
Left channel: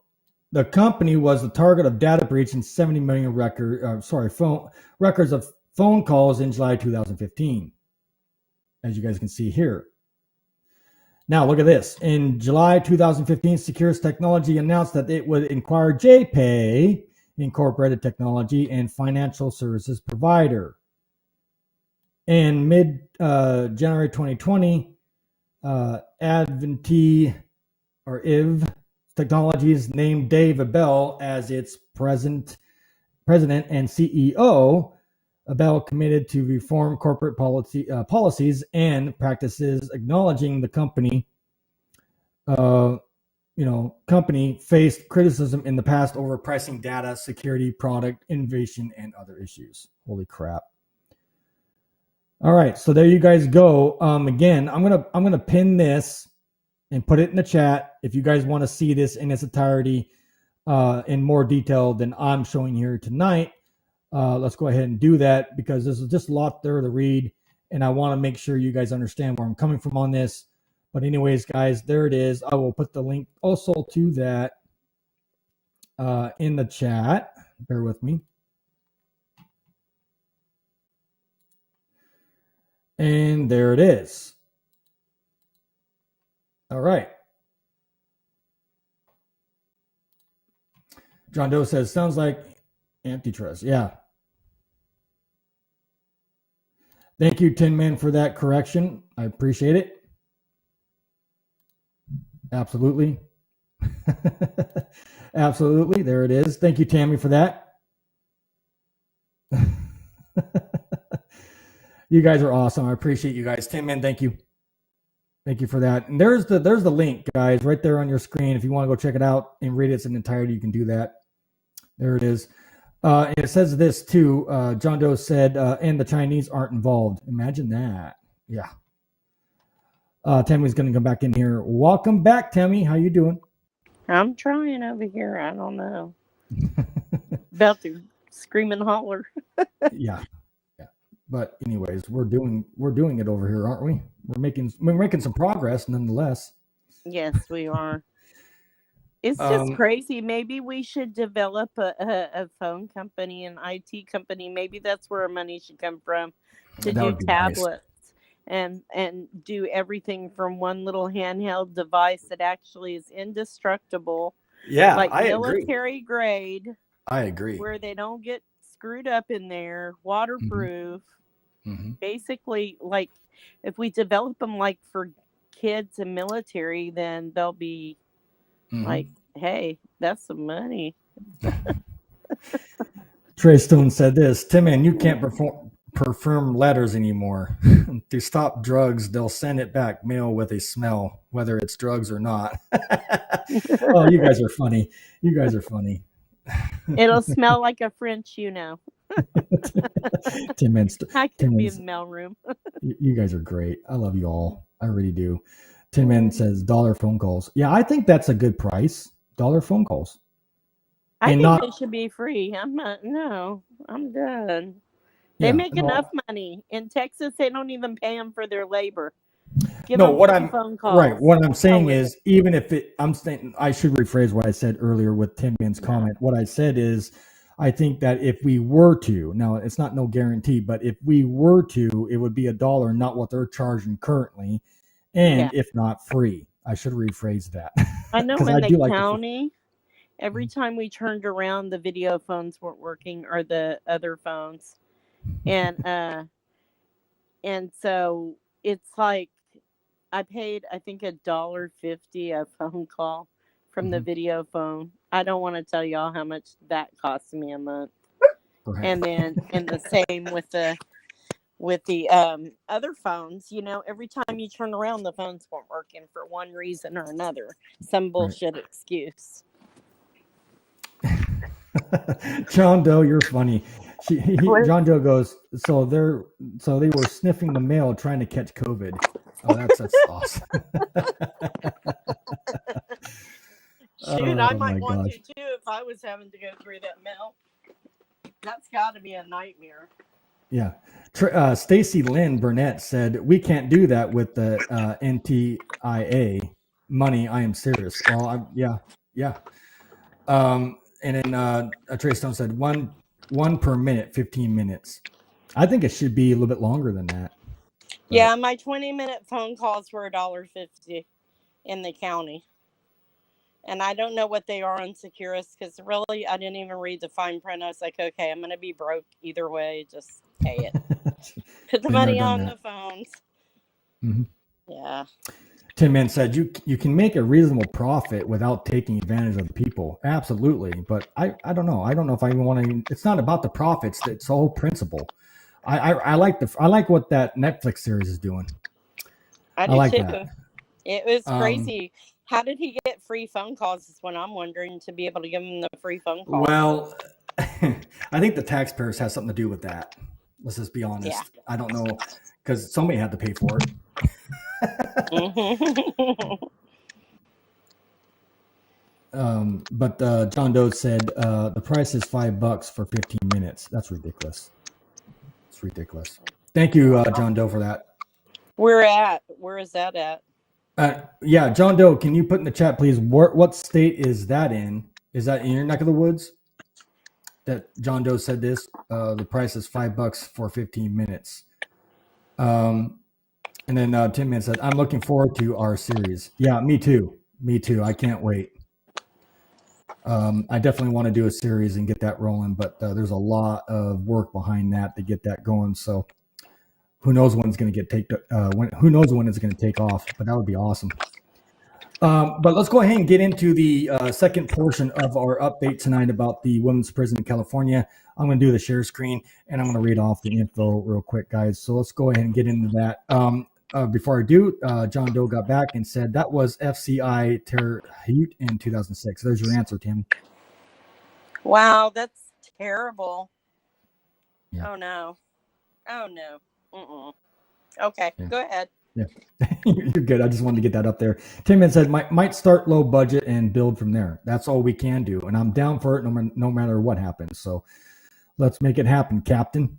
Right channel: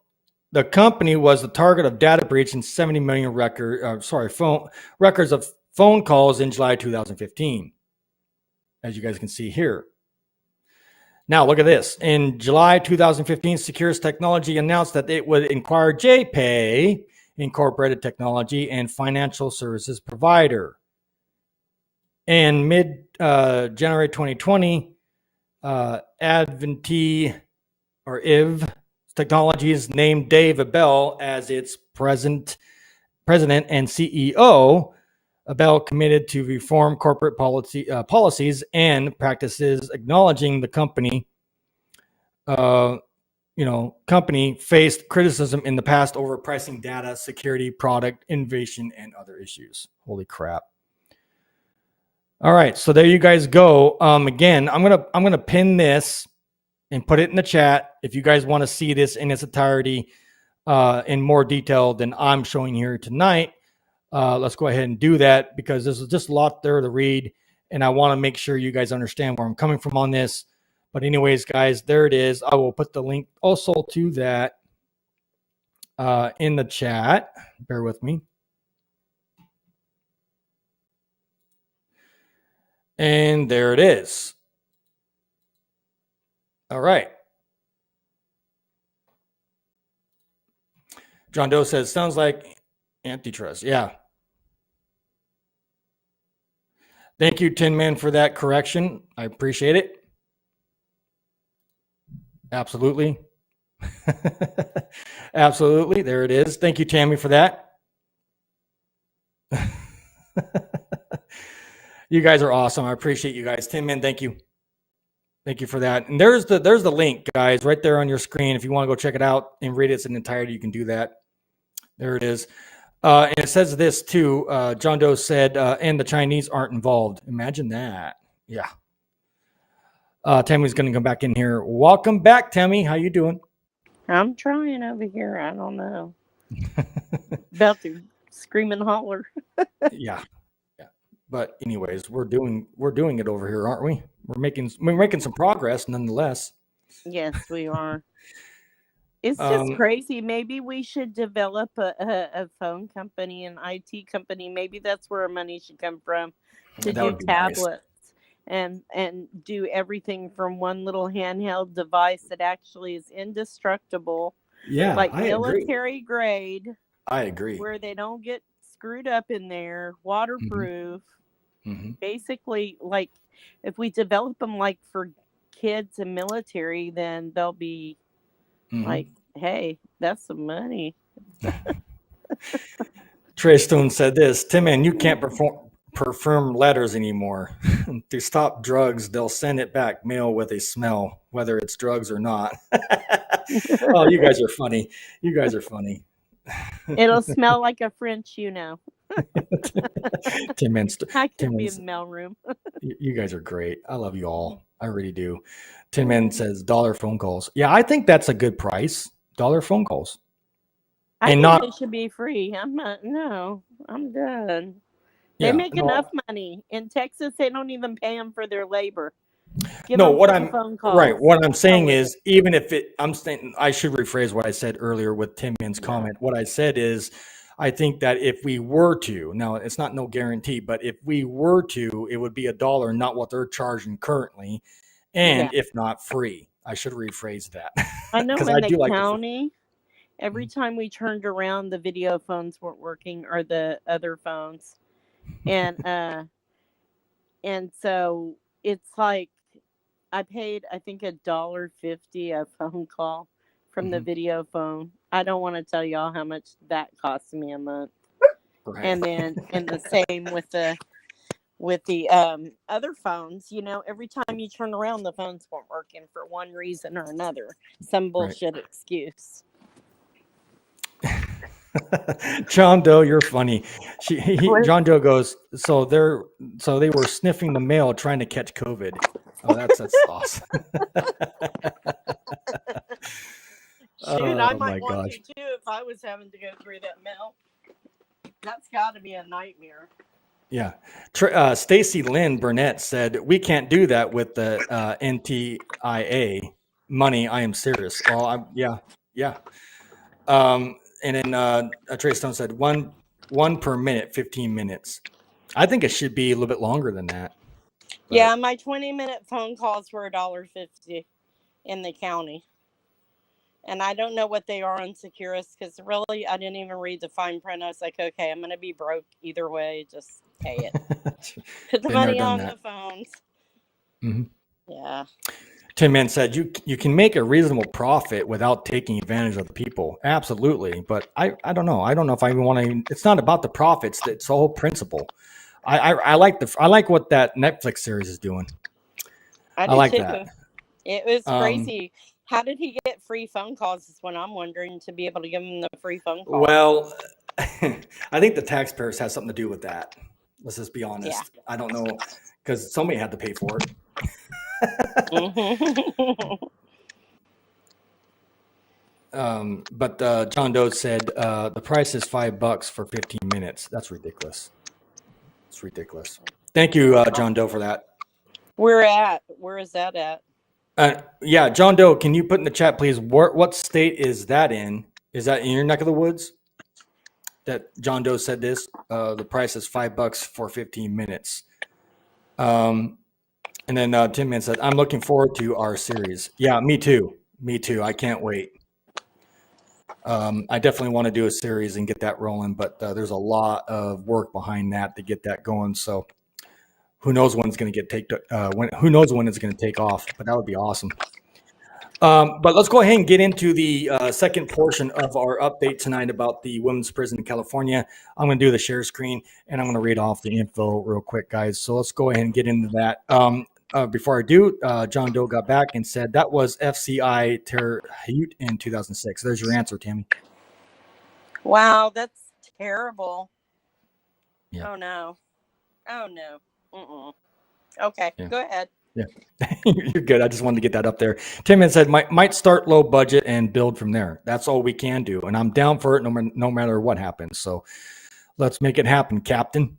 The company was the target of data breach and 70 million records of phone calls in July 2015, as you guys can see here. Now look at this. In July 2015, SECURUS Technology announced that it would acquire JPay Incorporated Technology and financial services provider. In mid-January 2020, Avity or IV Technologies named Dave Abel as its president and CEO. Abel committed to reform corporate policies and practices, acknowledging the company faced criticism in the past over pricing data, security, product innovation, and other issues. Holy crap. All right, so there you guys go. Again, I'm gonna pin this and put it in the chat if you guys want to see this in its entirety in more detail than I'm showing here tonight. Let's go ahead and do that, because there's just a lot there to read, and I want to make sure you guys understand where I'm coming from on this. But anyways, guys, there it is. I will put the link also to that in the chat. Bear with me. And there it is. All right. John Doe says, sounds like antitrust. Yeah. Thank you, Tin Man, for that correction. I appreciate it. Absolutely. Absolutely. There it is. Thank you, Tammy, for that. You guys are awesome. I appreciate you guys. Tin Man, thank you. Thank you for that. And there's the link, guys, right there on your screen. If you want to go check it out and read it in entirety, you can do that. There it is. And it says this too. John Doe said, and the Chinese aren't involved. Imagine that. Yeah. Tammy's going to come back in here. Welcome back, Tammy. How you doing? I'm trying over here. I don't know. About to scream and holler. Yeah. But anyways, we're doing it over here, aren't we? We're making some progress nonetheless. Yes, we are. It's just crazy. Maybe we should develop a phone company, an IT company. Maybe that's where our money should come from, to do tablets and do everything from one little handheld device that actually is indestructible. Yeah, like I military grade. I agree. Where they don't get screwed up in there, waterproof. Mm-hmm. Basically, like if we develop them like for kids and military, then they'll be like, hey, that's some money. Trey Stone said this, Tim, man, you can't prefer letters anymore. To stop drugs, they'll send it back mail with a smell, whether it's drugs or not. Oh, you guys are funny. You guys are funny. It'll smell like a French, Tim Mins, I could be in the mailroom. You guys are great. I love you all. I really do. Tim Min says dollar phone calls. Yeah, I think that's a good price. $1 phone calls. I think they should be free. I'm done. They make enough money. In Texas, they don't even pay them for their labor. Phone calls. Right. What I'm saying is, even if I'm saying, I should rephrase what I said earlier with Tim Min's comment. What I said is, I think that if we were to, now it's not no guarantee, but if we were to, it would be $1, not what they're charging currently. And if not free, I should rephrase that. I know in the county, every time we turned around, the video phones weren't working, or the other phones. And so it's like, I paid, I think, $1.50 a phone call from the video phone. I don't want to tell y'all how much that cost me a month. Right. And then, and the same with the other phones. Every time you turn around, the phones weren't working for one reason or another. Some bullshit excuse. John Doe, you're funny. John Doe goes, so they were sniffing the mail trying to catch COVID. Oh, that's awesome. Shoot, I might want to too if I was having to go through that mail. That's got to be a nightmare. Yeah. Stacy Lynn Burnett said, we can't do that with the NTIA money. I am serious. Oh, yeah. And then Trey Stone said one per minute, 15 minutes. I think it should be a little bit longer than that. But. Yeah, my 20-minute phone calls were $1.50 in the county. And I don't know what they are on SECURUS, because really I didn't even read the fine print. I was like, okay, I'm going to be broke either way. Just pay it. Put the money on the phones. Mm-hmm. Yeah. Tim Min said, you can make a reasonable profit without taking advantage of the people. Absolutely. But I don't know. I don't know if I even want to. It's not about the profits. It's the whole principle. I like what that Netflix series is doing. I like too. That. It was crazy. How did he get free phone calls is what I'm wondering, to be able to give him the free phone call. Well, I think the taxpayers has something to do with that. Let's just be honest. Yeah. I don't know, because somebody had to pay for it. But John Doe said the price is $5 for 15 minutes. That's ridiculous. It's ridiculous. Thank you, John Doe, for that. Where is that at? Yeah, John Doe, can you put in the chat, please? What state is that in? Is that in your neck of the woods? That John Doe said this. The price is $5 for 15 minutes. And then Tim Man said, I'm looking forward to our series. Yeah, me too. I can't wait. I definitely want to do a series and get that rolling, but there's a lot of work behind that to get that going. So who knows when it's going to who knows when it's going to take off, but that would be awesome. But let's go ahead and get into the second portion of our update tonight about the women's prison in California. I'm going to do the share screen, and I'm going to read off the info real quick, guys. So let's go ahead and get into that. Before I do, John Doe got back and said that was FCI Terre Haute in 2006. There's your answer, Tim. Wow, that's terrible. Yeah. Oh, no. Okay, yeah. Go ahead. Yeah, you're good. I just wanted to get that up there. Tim said, might start low budget and build from there. That's all we can do. And I'm down for it no matter what happens. So let's make it happen, Captain.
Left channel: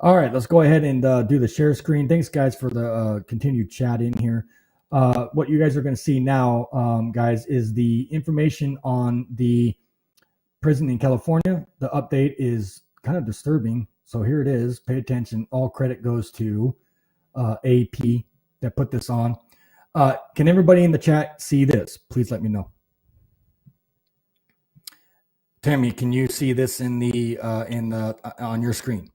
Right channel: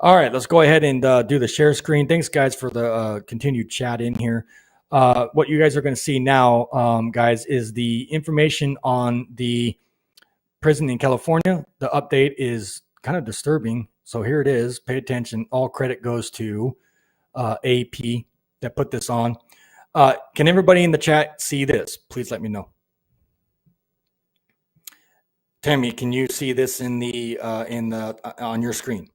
All right, let's go ahead and do the share screen. Thanks, guys, for the continued chat in here. What you guys are going to see now, guys, is the information on the prison in California. The update is kind of disturbing. So here it is. Pay attention. All credit goes to AP that put this on. Can everybody in the chat see this? Please let me know. Tammy, can you see this in the on your screen?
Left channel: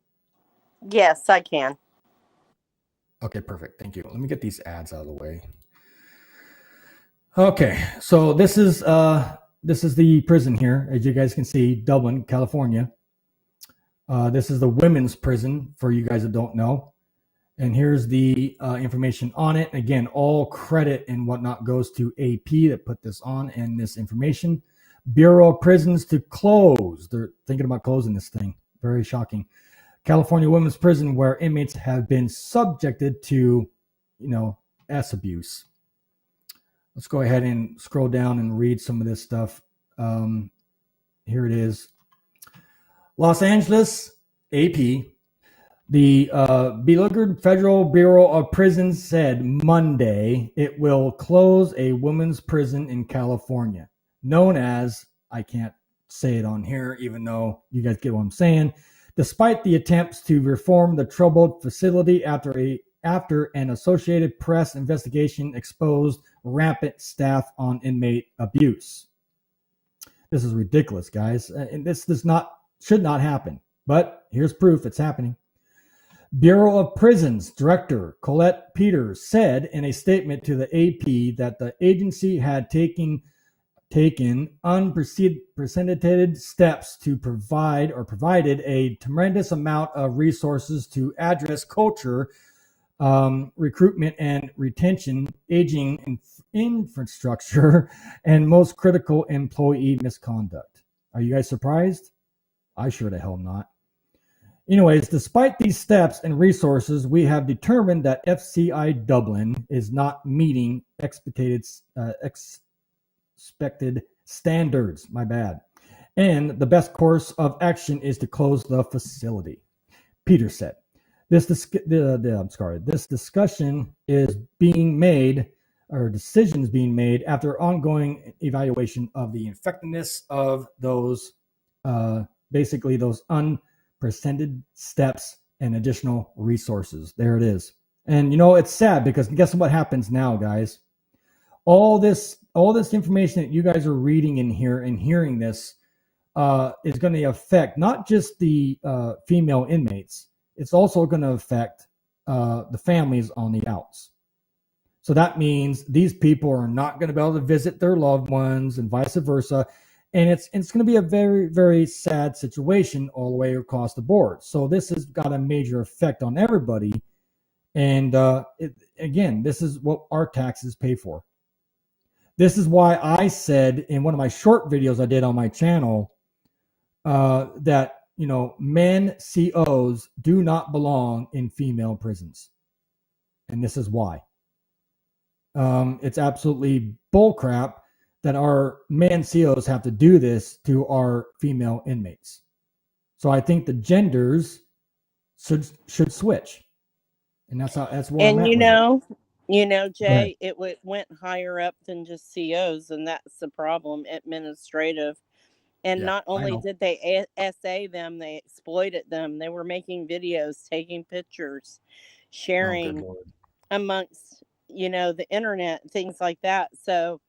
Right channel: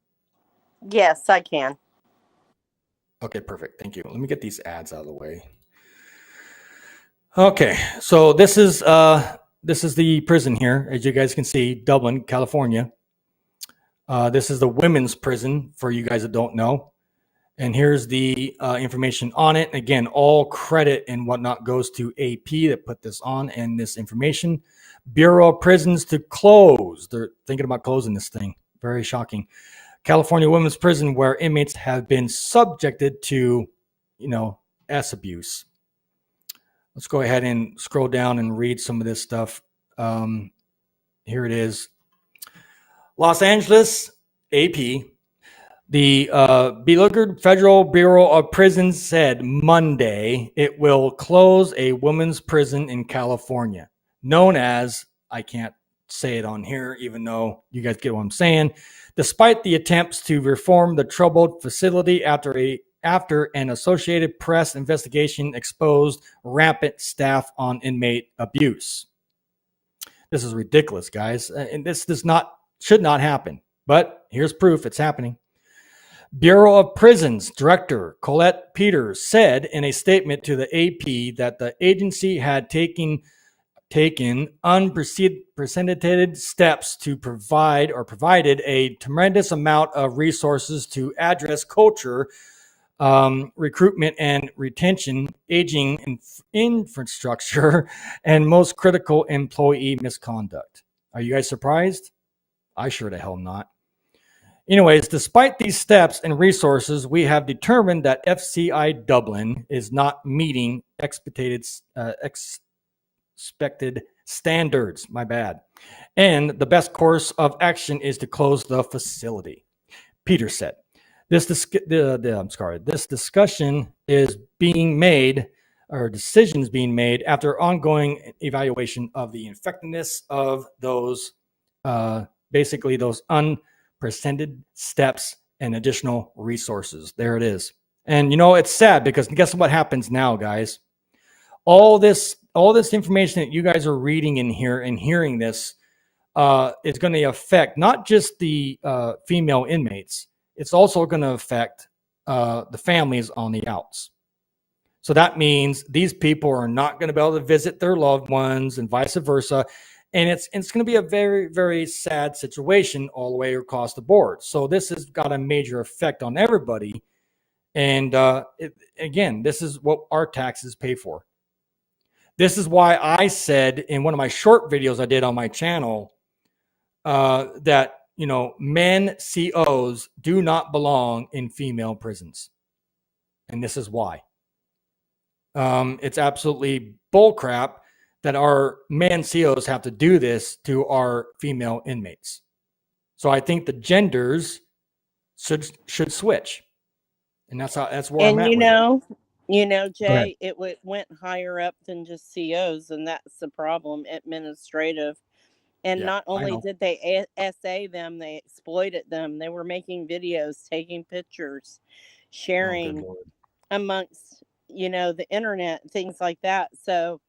Yes, I can. Okay, perfect. Thank you. Let me get these ads out of the way. Okay, so this is the prison here, as you guys can see, Dublin, California. This is the women's prison for you guys that don't know. And here's the information on it. Again, all credit and whatnot goes to AP that put this on and this information. Bureau of Prisons to close. They're thinking about closing this thing. Very shocking. California Women's Prison, where inmates have been subjected to, S abuse. Let's go ahead and scroll down and read some of this stuff. Here it is. Los Angeles, AP. The beleaguered Federal Bureau of Prisons said Monday it will close a women's prison in California, known as, I can't say it on here, even though you guys get what I'm saying, despite the attempts to reform the troubled facility after an Associated Press investigation exposed rampant staff on inmate abuse. This is ridiculous, guys. And this should not happen. But here's proof it's happening. Bureau of Prisons Director Colette Peters said in a statement to the AP that the agency had taken unprecedented steps to provided a tremendous amount of resources to address culture, recruitment and retention, aging infrastructure, and most critical employee misconduct. Are you guys surprised? I sure the hell not. Anyways, despite these steps and resources, we have determined that FCI Dublin is not meeting expected standards. My bad. And the best course of action is to close the facility. Peter said, this discussion is being made, or decisions being made after ongoing evaluation of the effectiveness of those, basically those unprecedented steps and additional resources. There it is. And it's sad because guess what happens now, guys? All this information that you guys are reading in here and hearing this is going to affect not just the female inmates. It's also going to affect the families on the outs. So that means these people are not going to be able to visit their loved ones and vice versa. And it's going to be a very, very sad situation all the way across the board. So this has got a major effect on everybody. And again, this is what our taxes pay for. This is why I said in one of my short videos I did on my channel that, men COs do not belong in female prisons. And this is why. It's absolutely bullcrap that our men COs have to do this to our female inmates. So I think the genders should switch. And that's where I'm at. Jay, it went higher up than just COs, and that's the problem, administrative. And not only did they SA them, they exploited them. They were making videos, taking pictures, sharing amongst, the internet, things like that. So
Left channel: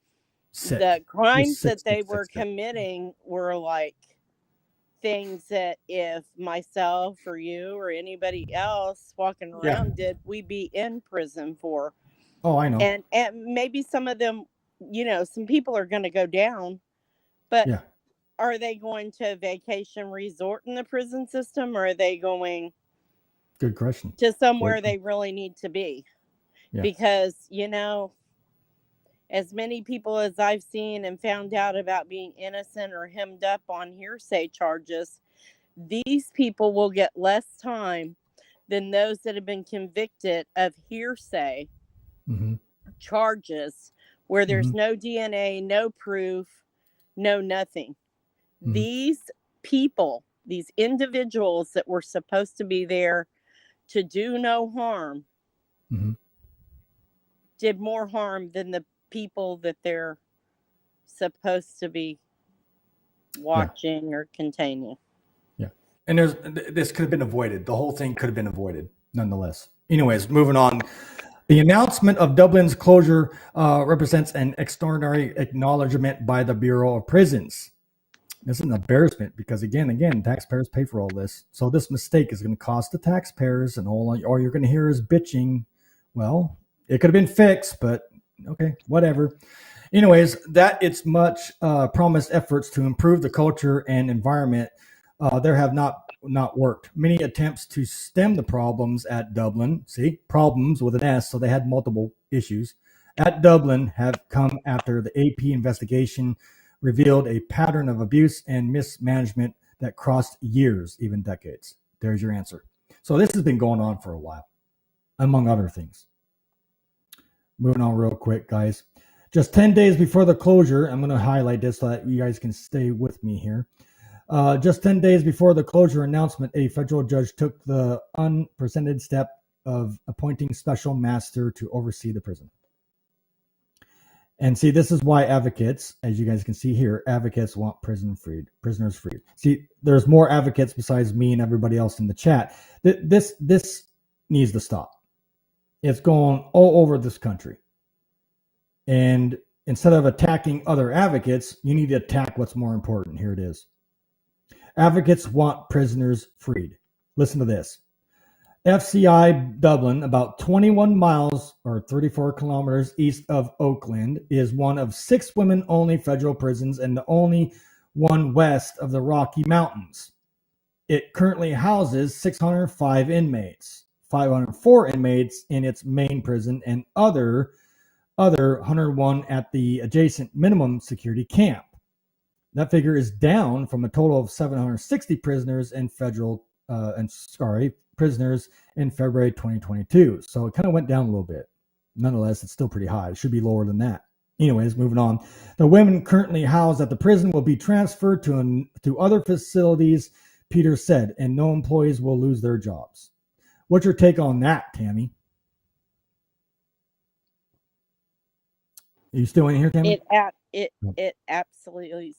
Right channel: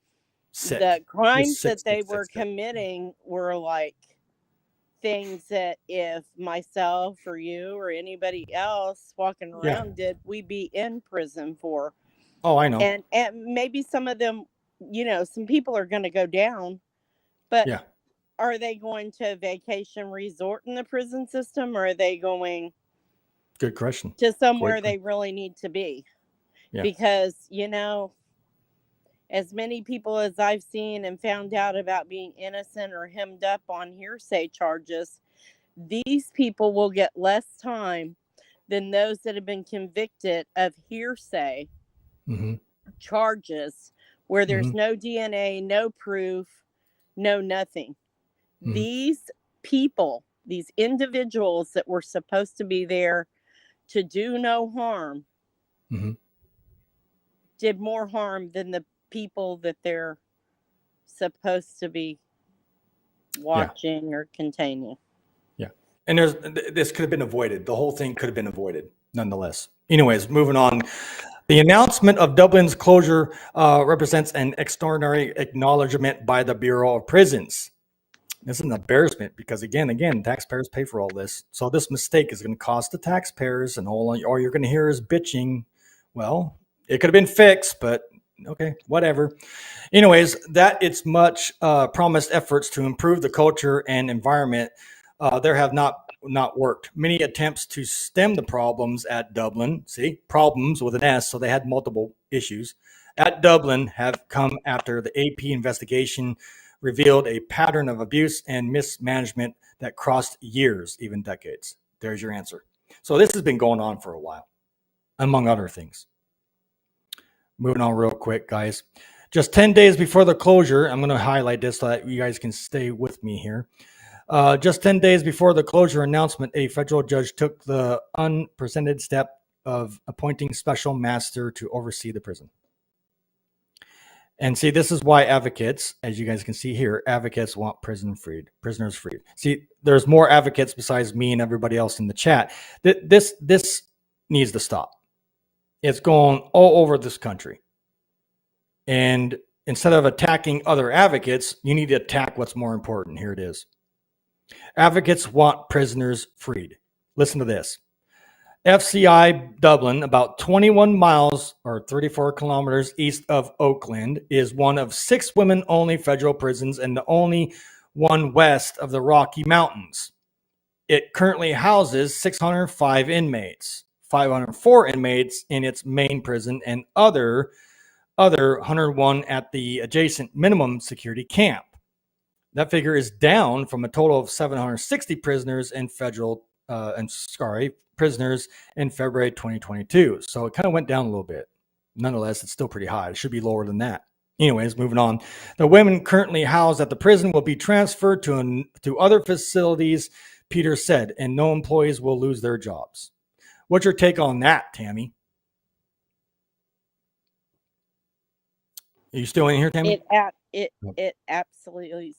the crimes that they were committing were like things that if myself or you or anybody else walking around did, we'd be in prison for. Oh, I know. And maybe some of them, some people are going to go down, but are they going to a vacation resort in the prison system, or are they going Good question. to somewhere they really need to be? Yeah. Because, as many people as I've seen and found out about being innocent or hemmed up on hearsay charges, these people will get less time than those that have been convicted of hearsay charges where there's no DNA, no proof, no nothing. These people, these individuals that were supposed to be there to do no harm, did more harm than the people that they're supposed to be watching or containing. Yeah. And this could have been avoided. The whole thing could have been avoided nonetheless. Anyways, moving on. The announcement of Dublin's closure represents an extraordinary acknowledgement by the Bureau of Prisons. This is an embarrassment because again, taxpayers pay for all this. So this mistake is going to cost the taxpayers, and all you're going to hear is bitching. Well, it could have been fixed, but okay, whatever. Anyways, that it's much promised efforts to improve the culture and environment there have not worked. Many attempts to stem the problems at Dublin, see, problems with an S, so they had multiple issues, at Dublin have come after the AP investigation revealed a pattern of abuse and mismanagement that crossed years, even decades. There's your answer. So this has been going on for a while, among other things. Moving on real quick, guys. Just 10 days before the closure, I'm going to highlight this so that you guys can stay with me here. Just 10 days before the closure announcement, a federal judge took the unprecedented step of appointing special master to oversee the prison. And see, this is why advocates, as you guys can see here, advocates want prisoners freed. See, there's more advocates besides me and everybody else in the chat. This needs to stop. It's going all over this country. And instead of attacking other advocates, you need to attack what's more important. Here it is. Advocates want prisoners freed. Listen to this. FCI Dublin, about 21 miles or 34 kilometers east of Oakland, is one of 6 women-only federal prisons and the only one west of the Rocky Mountains. It currently houses 605 inmates, 504 inmates in its main prison, and other 101 at the adjacent minimum security camp. That figure is down from a total of 760 prisoners in prisoners in February 2022. So it kind of went down a little bit. Nonetheless, it's still pretty high. It should be lower than that. Anyways, moving on. The women currently housed at the prison will be transferred to other facilities, Peter said, and no employees will lose their jobs. What's your take on that, Tammy? Are you still in here, Tammy? It absolutely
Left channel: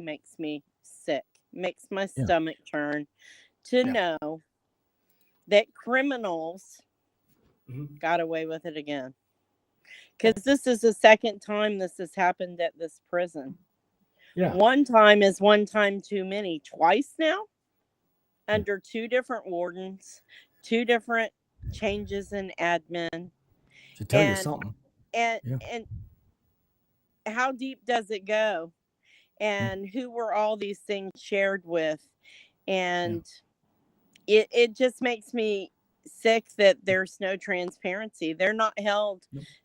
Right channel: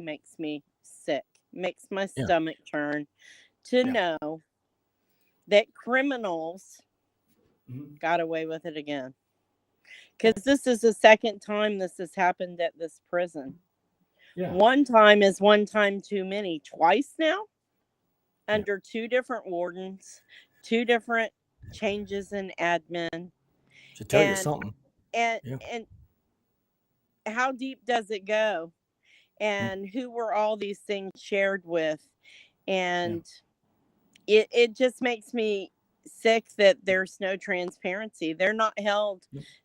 makes me sick. Makes my stomach turn to know that criminals got away with it again. Because this is the second time this has happened at this prison. Yeah. One time is one time too many. Twice now, under 2 different wardens, 2 different changes in admin. To tell you something. And how deep does it go? And who were all these things shared with? And it just makes me sick that there's no transparency. They're not held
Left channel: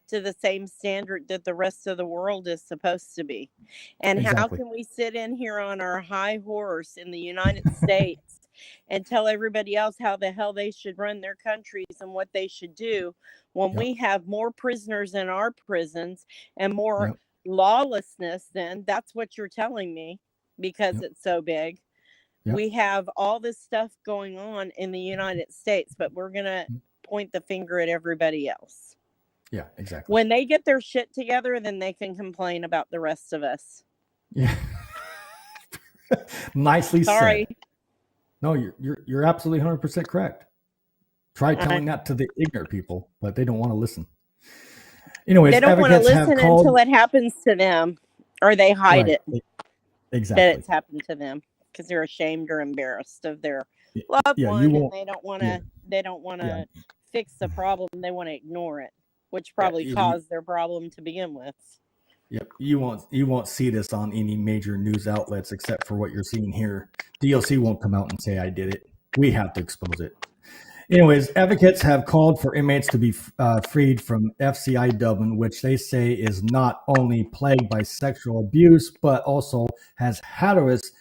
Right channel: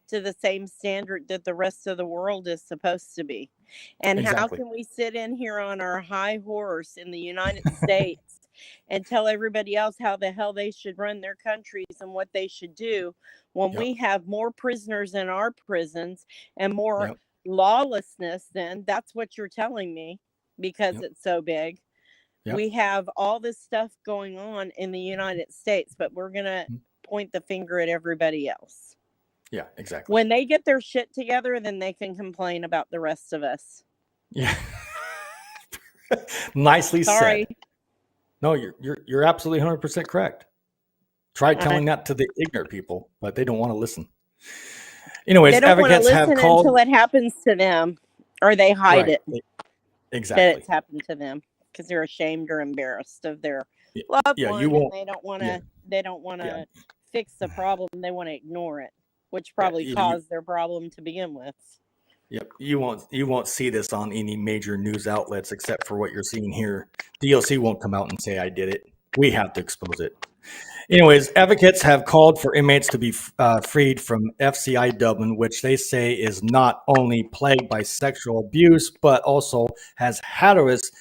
to the same standard that the rest of the world is supposed to be. And how can we sit in here on our high horse in the United States and tell everybody else how the hell they should run their countries and what they should do when we have more prisoners in our prisons and more lawlessness? Then that's what you're telling me, because it's so big. We have all this stuff going on in the United States, but we're going to point the finger at everybody else. Yeah, exactly. When they get their shit together, then they can complain about the rest of us. Yeah. Nicely Sorry. said. No, you're absolutely 100% correct. Try telling that to the ignorant people, but they don't want to listen. Anyways, they don't want to listen until it happens to them, or they hide it. Exactly. That it's happened to them because they're ashamed or embarrassed of their loved one, and they don't want to. They don't want to fix the problem. They want to ignore it, which probably caused their problem to begin with. Yep, you won't see this on any major news outlets except for what you're seeing here. DLC won't come out and say I did it. We have to expose it. Anyways, advocates have called for inmates to be freed from FCI Dublin, which they say is not only plagued by sexual abuse, but also has hazardous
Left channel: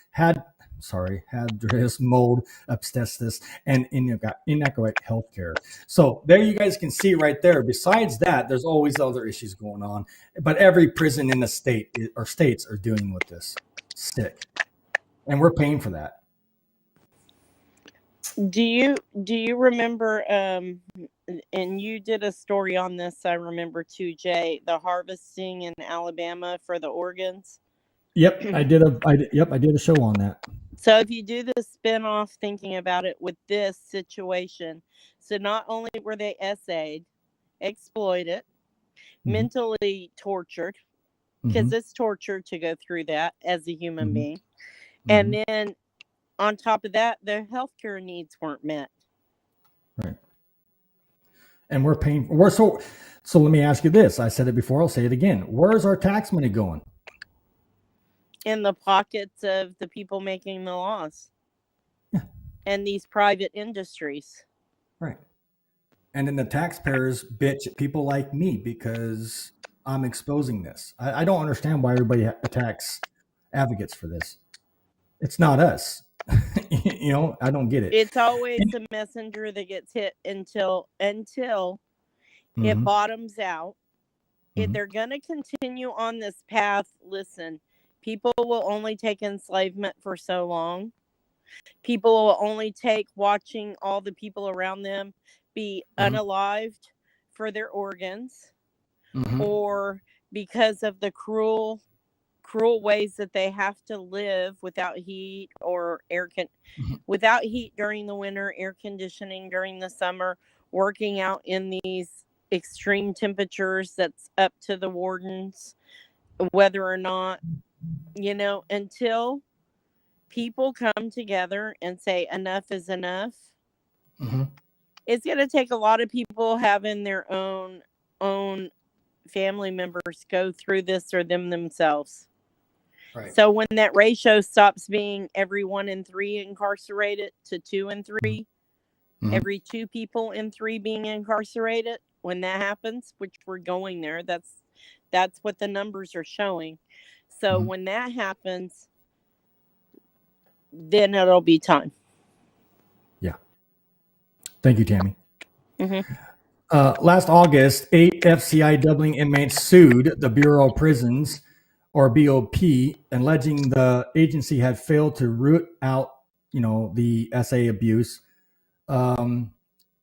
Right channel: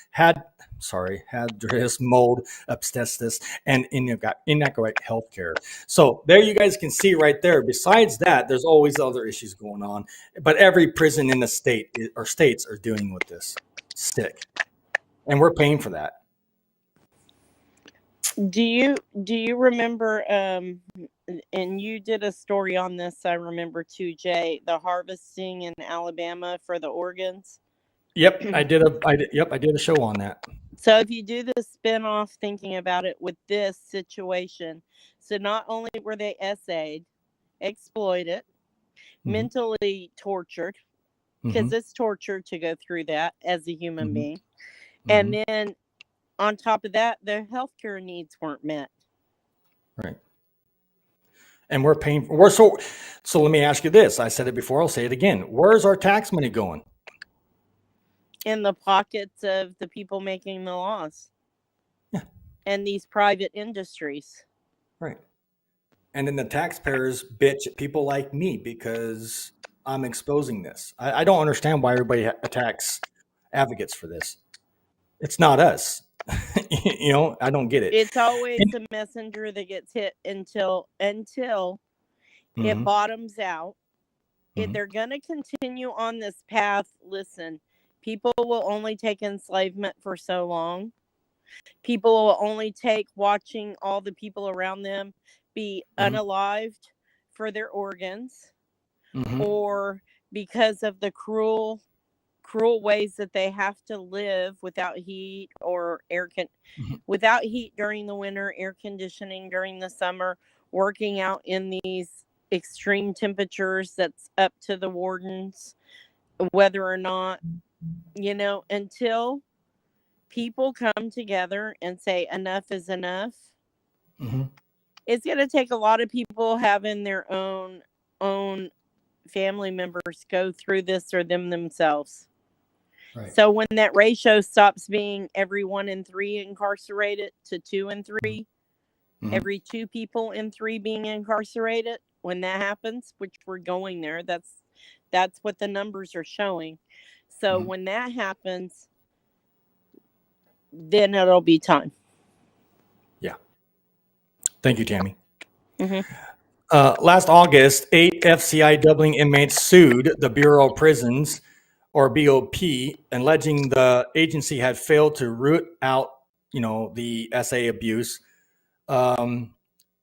mold, asbestos, and inadequate healthcare. So there you guys can see right there. Besides that, there's always other issues going on. But every prison in the state or states are dealing with this. Sick. And we're paying for that. Do you remember, and you did a story on this, I remember too, Jay, the harvesting in Alabama for the organs? Yep, I did a show on that. So if you do the spinoff thinking about it with this situation, so not only were they essayed, exploited, mentally tortured, because it's torture to go through that as a human being, and then on top of that, their healthcare needs weren't met. Right. And we're paying. So let me ask you this. I said it before. I'll say it again. Where's our tax money going? in the pockets of the people making the laws. Yeah. And these private industries. Right. And then the taxpayers bitch at people like me because I'm exposing this. I don't understand why everybody attacks advocates for this. It's not us. I don't get it. It's always the messenger that gets hit until it bottoms out. If they're going to continue on this path, listen, people will only take enslavement for so long. People will only take watching all the people around them be unalived for their organs, or because of the cruel ways that they have to live without heat or without heat during the winter, air conditioning during the summer, working out in these extreme temperatures that's up to the wardens, whether or not, until people come together and say enough is enough. It's going to take a lot of people having their own family members go through this or themselves. Right. So when that ratio stops being every 1 in 3 incarcerated to 2 in 3, every 2 people in 3 being incarcerated, when that happens, which we're going there, that's what the numbers are showing. So when that happens, then it'll be time. Yeah. Thank you, Tammy. Last August, 8 FCI Dublin inmates sued the Bureau of Prisons, or BOP, alleging the agency had failed to root out, the SA abuse.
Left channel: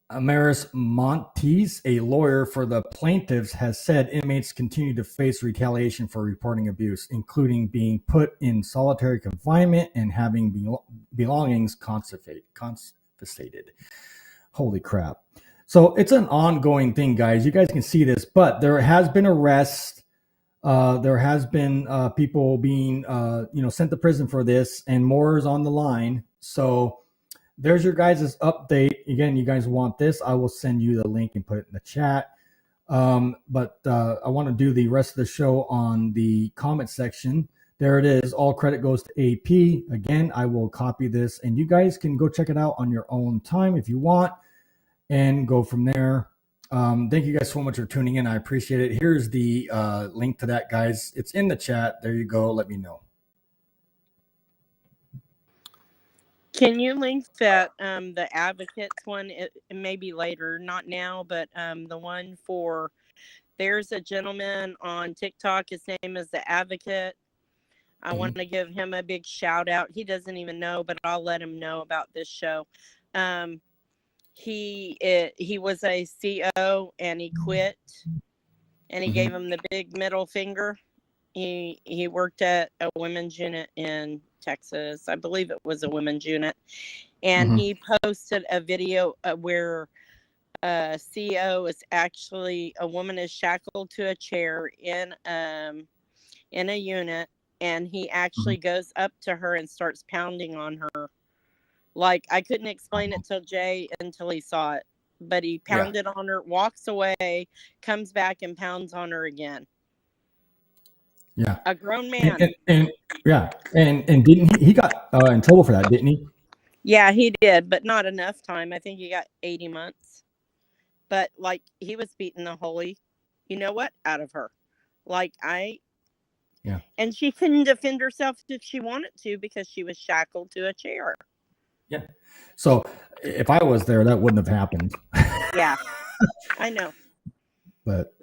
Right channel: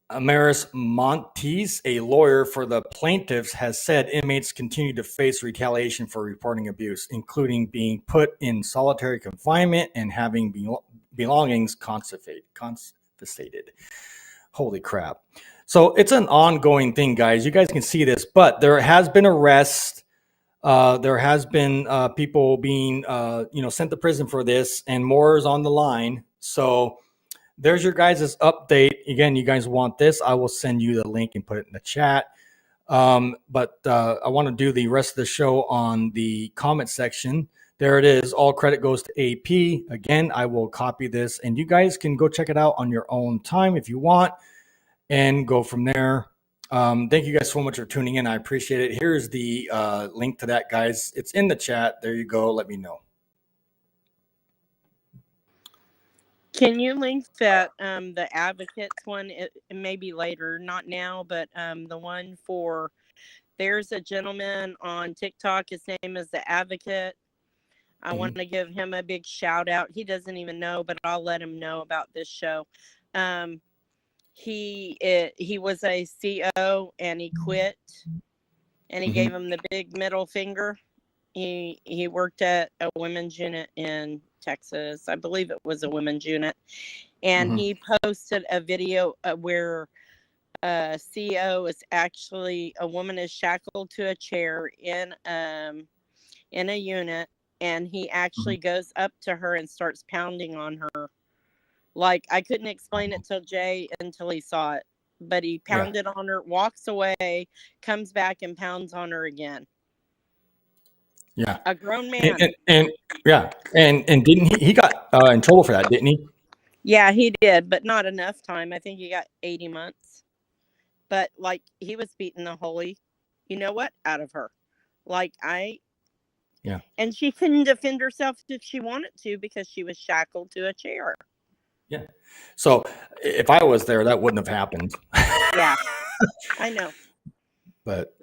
Amaris Montes, a lawyer for the plaintiffs, has said inmates continue to face retaliation for reporting abuse, including being put in solitary confinement and having belongings confiscated. Holy crap. So it's an ongoing thing, guys. You guys can see this, but there has been arrests. There has been people being, sent to prison for this, and more is on the line. So there's your guys' update. Again, you guys want this, I will send you the link and put it in the chat. But I want to do the rest of the show on the comment section. There it is. All credit goes to AP. Again, I will copy this, and you guys can go check it out on your own time if you want and go from there. Thank you guys so much for tuning in. I appreciate it. Here's the link to that, guys. It's in the chat. There you go. Let me know. Can you link that the advocates one? It may be later, not now, but the one for, there's a gentleman on TikTok. His name is The Advocate. I want to give him a big shout out. He doesn't even know, but I'll let him know about this show. He was a CO and he quit, and he gave him the big middle finger. He worked at a women's unit in Texas. I believe it was a women's unit. And he posted a video where a CEO is actually, a woman is shackled to a chair in a unit, and he actually goes up to her and starts pounding on her. Like, I couldn't explain it to Jay until he saw it, but he pounded on her, walks away, comes back and pounds on her again. Yeah, a grown man. And didn't he got in trouble for that, didn't he? Yeah, he did, but not enough time. I think he got 80 months. But like, he was beating the holy, out of her. Yeah. And she couldn't defend herself if she wanted to because she was shackled to a chair. Yeah. So if I was there, that wouldn't have happened. Yeah, I know. But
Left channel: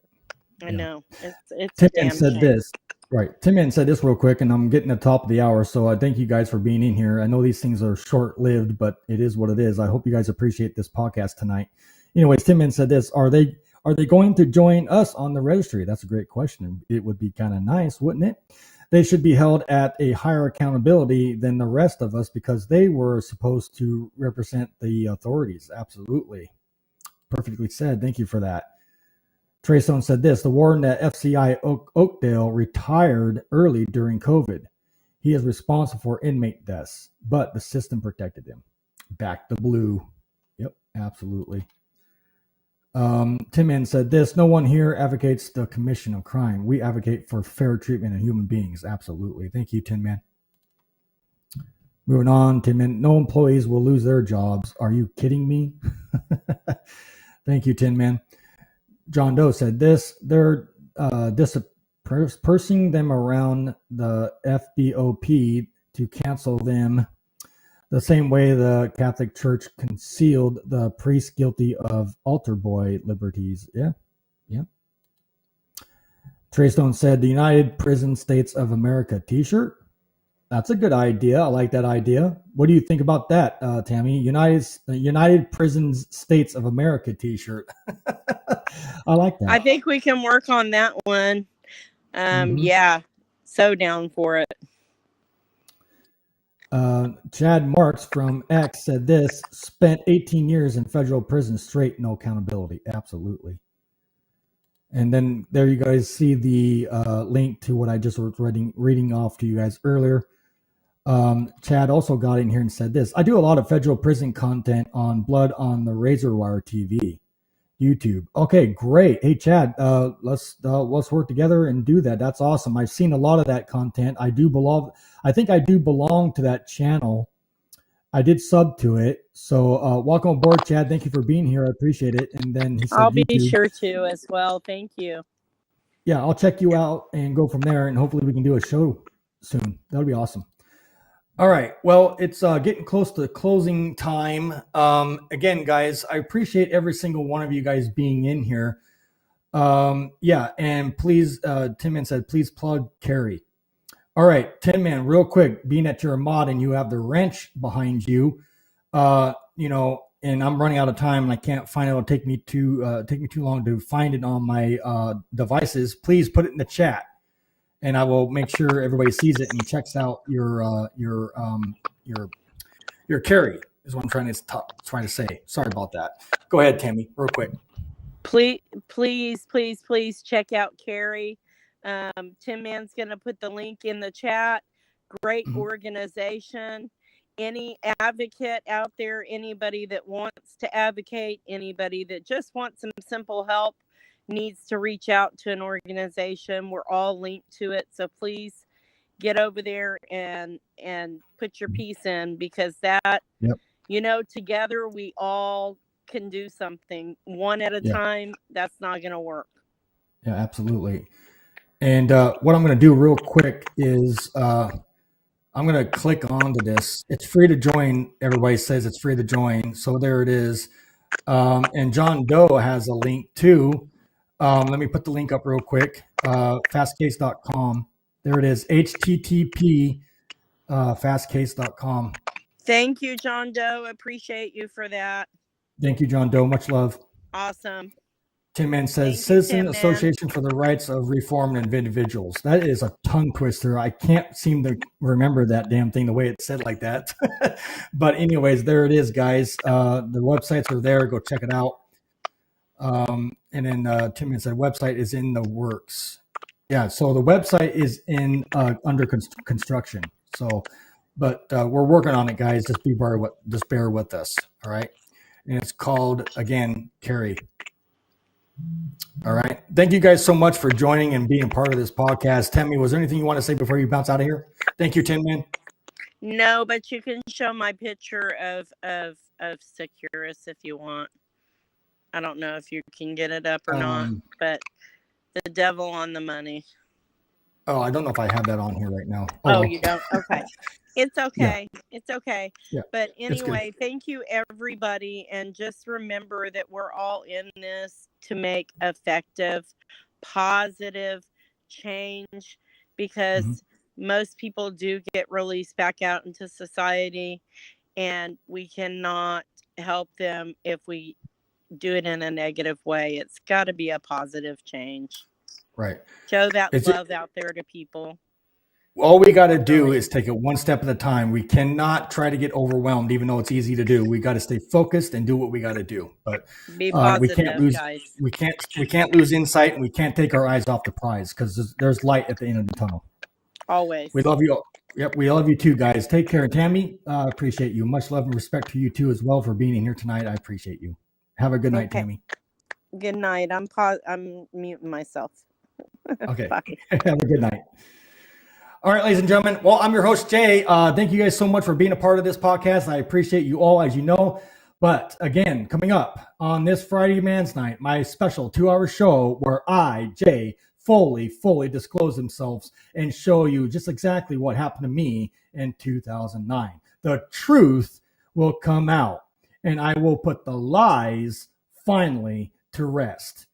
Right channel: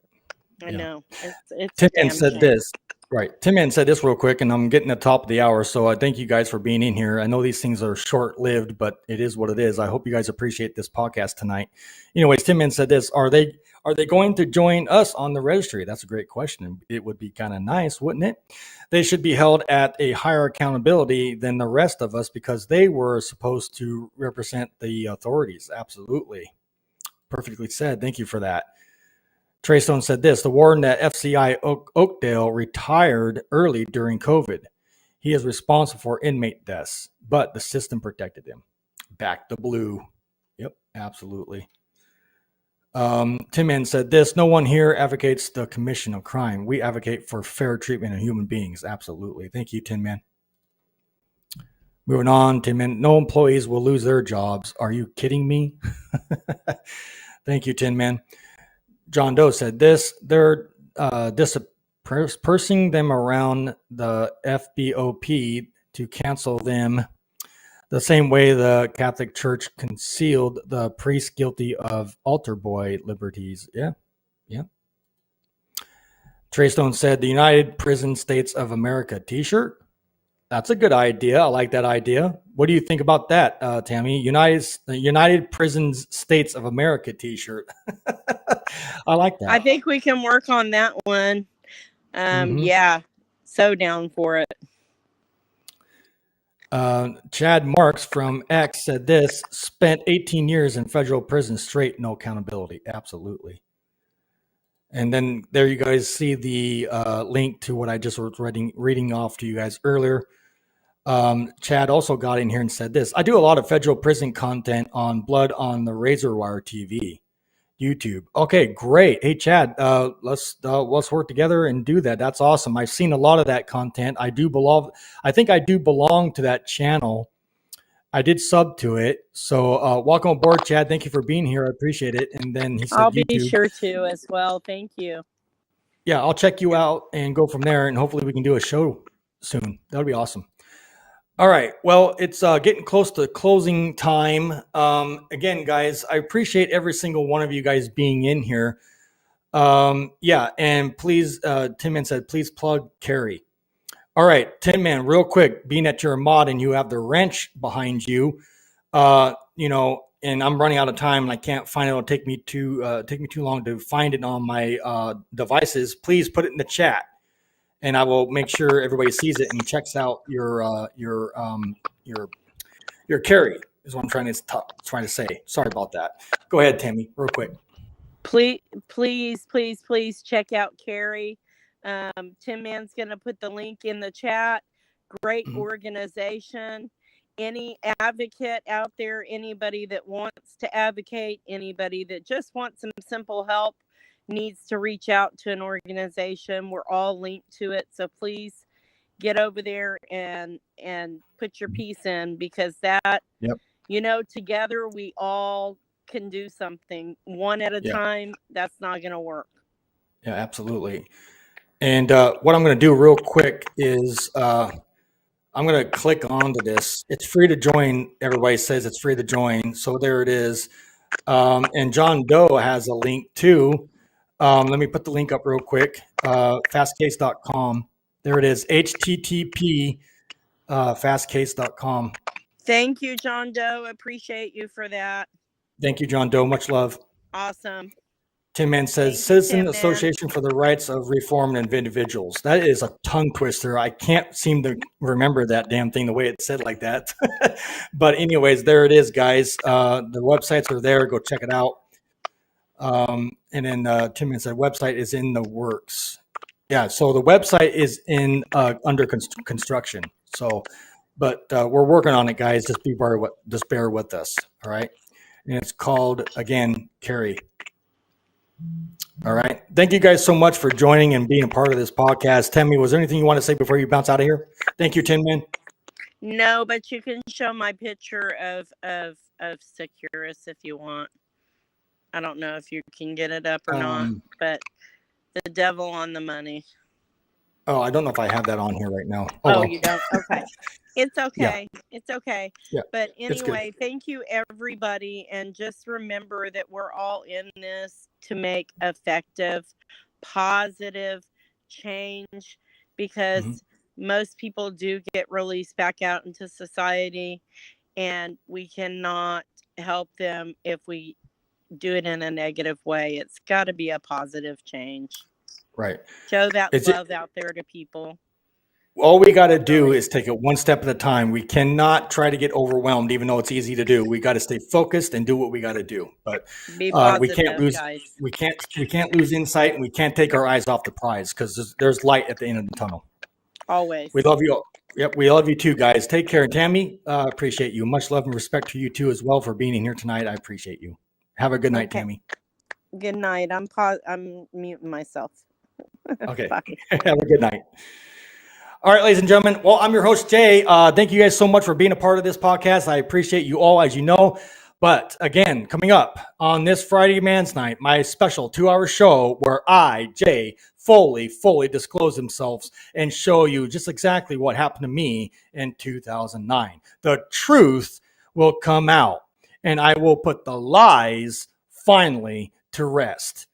I know. It's Tim Ann said this. Right. Tim Ann said this real quick, and I'm getting the top of the hour. So I thank you guys for being in here. I know these things are short-lived, but it is what it is. I hope you guys appreciate this podcast tonight. Anyways, Tim Ann said this. Are they going to join us on the registry? That's a great question. It would be kind of nice, wouldn't it? They should be held at a higher accountability than the rest of us because they were supposed to represent the authorities. Absolutely. Perfectly said. Thank you for that. Trey Stone said this. The warden at FCI Oakdale retired early during COVID. He is responsible for inmate deaths, but the system protected him. Back to blue. Yep, absolutely. Tim Man said this: no one here advocates the commission of crime. We advocate for fair treatment of human beings. Absolutely. Thank you, Tim Man. Moving on, Tim Man. No employees will lose their jobs. Are you kidding me? Thank you, Tin Man. John Doe said this: they're dispersing them around the FBOP to cancel them the same way the Catholic Church concealed the priest guilty of altar boy liberties. Yeah. Trey Stone said the United Prison States of America t-shirt. That's a good idea. I like that idea. What do you think about that, Tammy? United Prisons States of America t-shirt. I like that. I think we can work on that one. Yeah, so down for it. Chad Marks from X said this: spent 18 years in federal prison straight, no accountability. Absolutely. And then there you guys see the link to what I just was reading off to you guys earlier. Chad also got in here and said this: I do a lot of federal prison content on Blood on the Razor Wire TV, YouTube. Okay, great. Hey, Chad, let's work together and do that. That's awesome. I've seen a lot of that content. I think I do belong to that channel. I did sub to it. So welcome aboard, Chad. Thank you for being here. I appreciate it. And then he said, I'll be sure to as well. Thank you. Yeah, I'll check you out and go from there. And hopefully we can do a show soon. That'll be awesome. All right. Well, it's getting close to closing time. Again, guys, I appreciate every single one of you guys being in here. Yeah. And please, Tin Man said, please plug Carrie. All right, Tin Man, real quick, being that you're a mod and you have the wrench behind you, and I'm running out of time and I can't find it. It'll take me too long to find it on my devices. Please put it in the chat, and I will make sure everybody sees it and checks out your carry. Is what I'm trying to say. Sorry about that. Go ahead, Tammy, real quick. Please check out Carrie. Tin Man's going to put the link in the chat. Great organization. Any advocate out there, anybody that wants to advocate, anybody that just wants some simple help needs to reach out to an organization. We're all linked to it. So please get over there and put your piece in, because that, together we all can do something. One at a time, that's not going to work. Yeah, absolutely. And what I'm going to do real quick is I'm going to click onto this. It's free to join. Everybody says it's free to join. So there it is. And John Doe has a link too. Let me put the link up real quick. Fastcase.com. There it is. HTTP fastcase.com. Thank you, John Doe. Appreciate you for that. Thank you, John Doe. Much love. Awesome. Tin Man says, Citizen Association for the Rights of Reformed Individuals. That is a tongue twister. I can't seem to remember that damn thing the way it's said like that. But anyways, there it is, guys. The websites are there. Go check it out. And then Tin Man said, website is in the works. Yeah, so the website is under construction. So, but we're working on it, guys. Just bear with us. All right. And it's called, again, Carrie. All right. Thank you guys so much for joining and being a part of this podcast. Tammy, was there anything you want to say before you bounce out of here? Thank you, Tin Man. No, but you can show my picture of SECURUS if you want. I don't know if you can get it up or not, but the devil on the money. Oh, I don't know if I have that on here right now. Oh, you don't? Okay. It's okay. Yeah. It's okay. Yeah, but anyway, thank you, everybody. And just remember that we're all in this to make effective, positive change, because most people do get released back out into society, and we cannot help them if we do it in a negative way. It's got to be a positive change. Right. Show that love out there to people. All we got to do is take it one step at a time. We cannot try to get overwhelmed, even though it's easy to do. We got to stay focused and do what we got to do. But be positive, we can't lose, guys. We can't lose insight, and we can't take our eyes off the prize, because there's light at the end of the tunnel. Always. We love you. Yep, we love you too, guys. Take care. Tammy, appreciate you. Much love and respect to you too as well for being in here tonight. I appreciate you. Have a good night, Tammy. Good night. I'm muting myself. Okay. Bye. Have a good night. All right, ladies and gentlemen. Well, I'm your host, Jay. Thank you guys so much for being a part of this podcast. I appreciate you all, as you know. But again, coming up on this Friday Man's Night, my special 2-hour show where I, Jay, fully disclose themselves and show you just exactly what happened to me in 2009. The truth will come out, and I will put the lies finally to rest.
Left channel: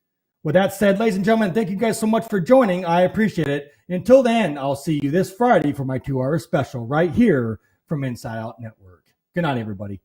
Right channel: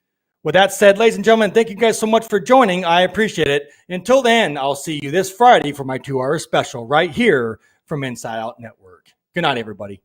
With that said, ladies and gentlemen, thank you guys so much for joining. I appreciate it. Until then, I'll see you this Friday for my 2-hour special right here from Inside Out Network. Good night, everybody.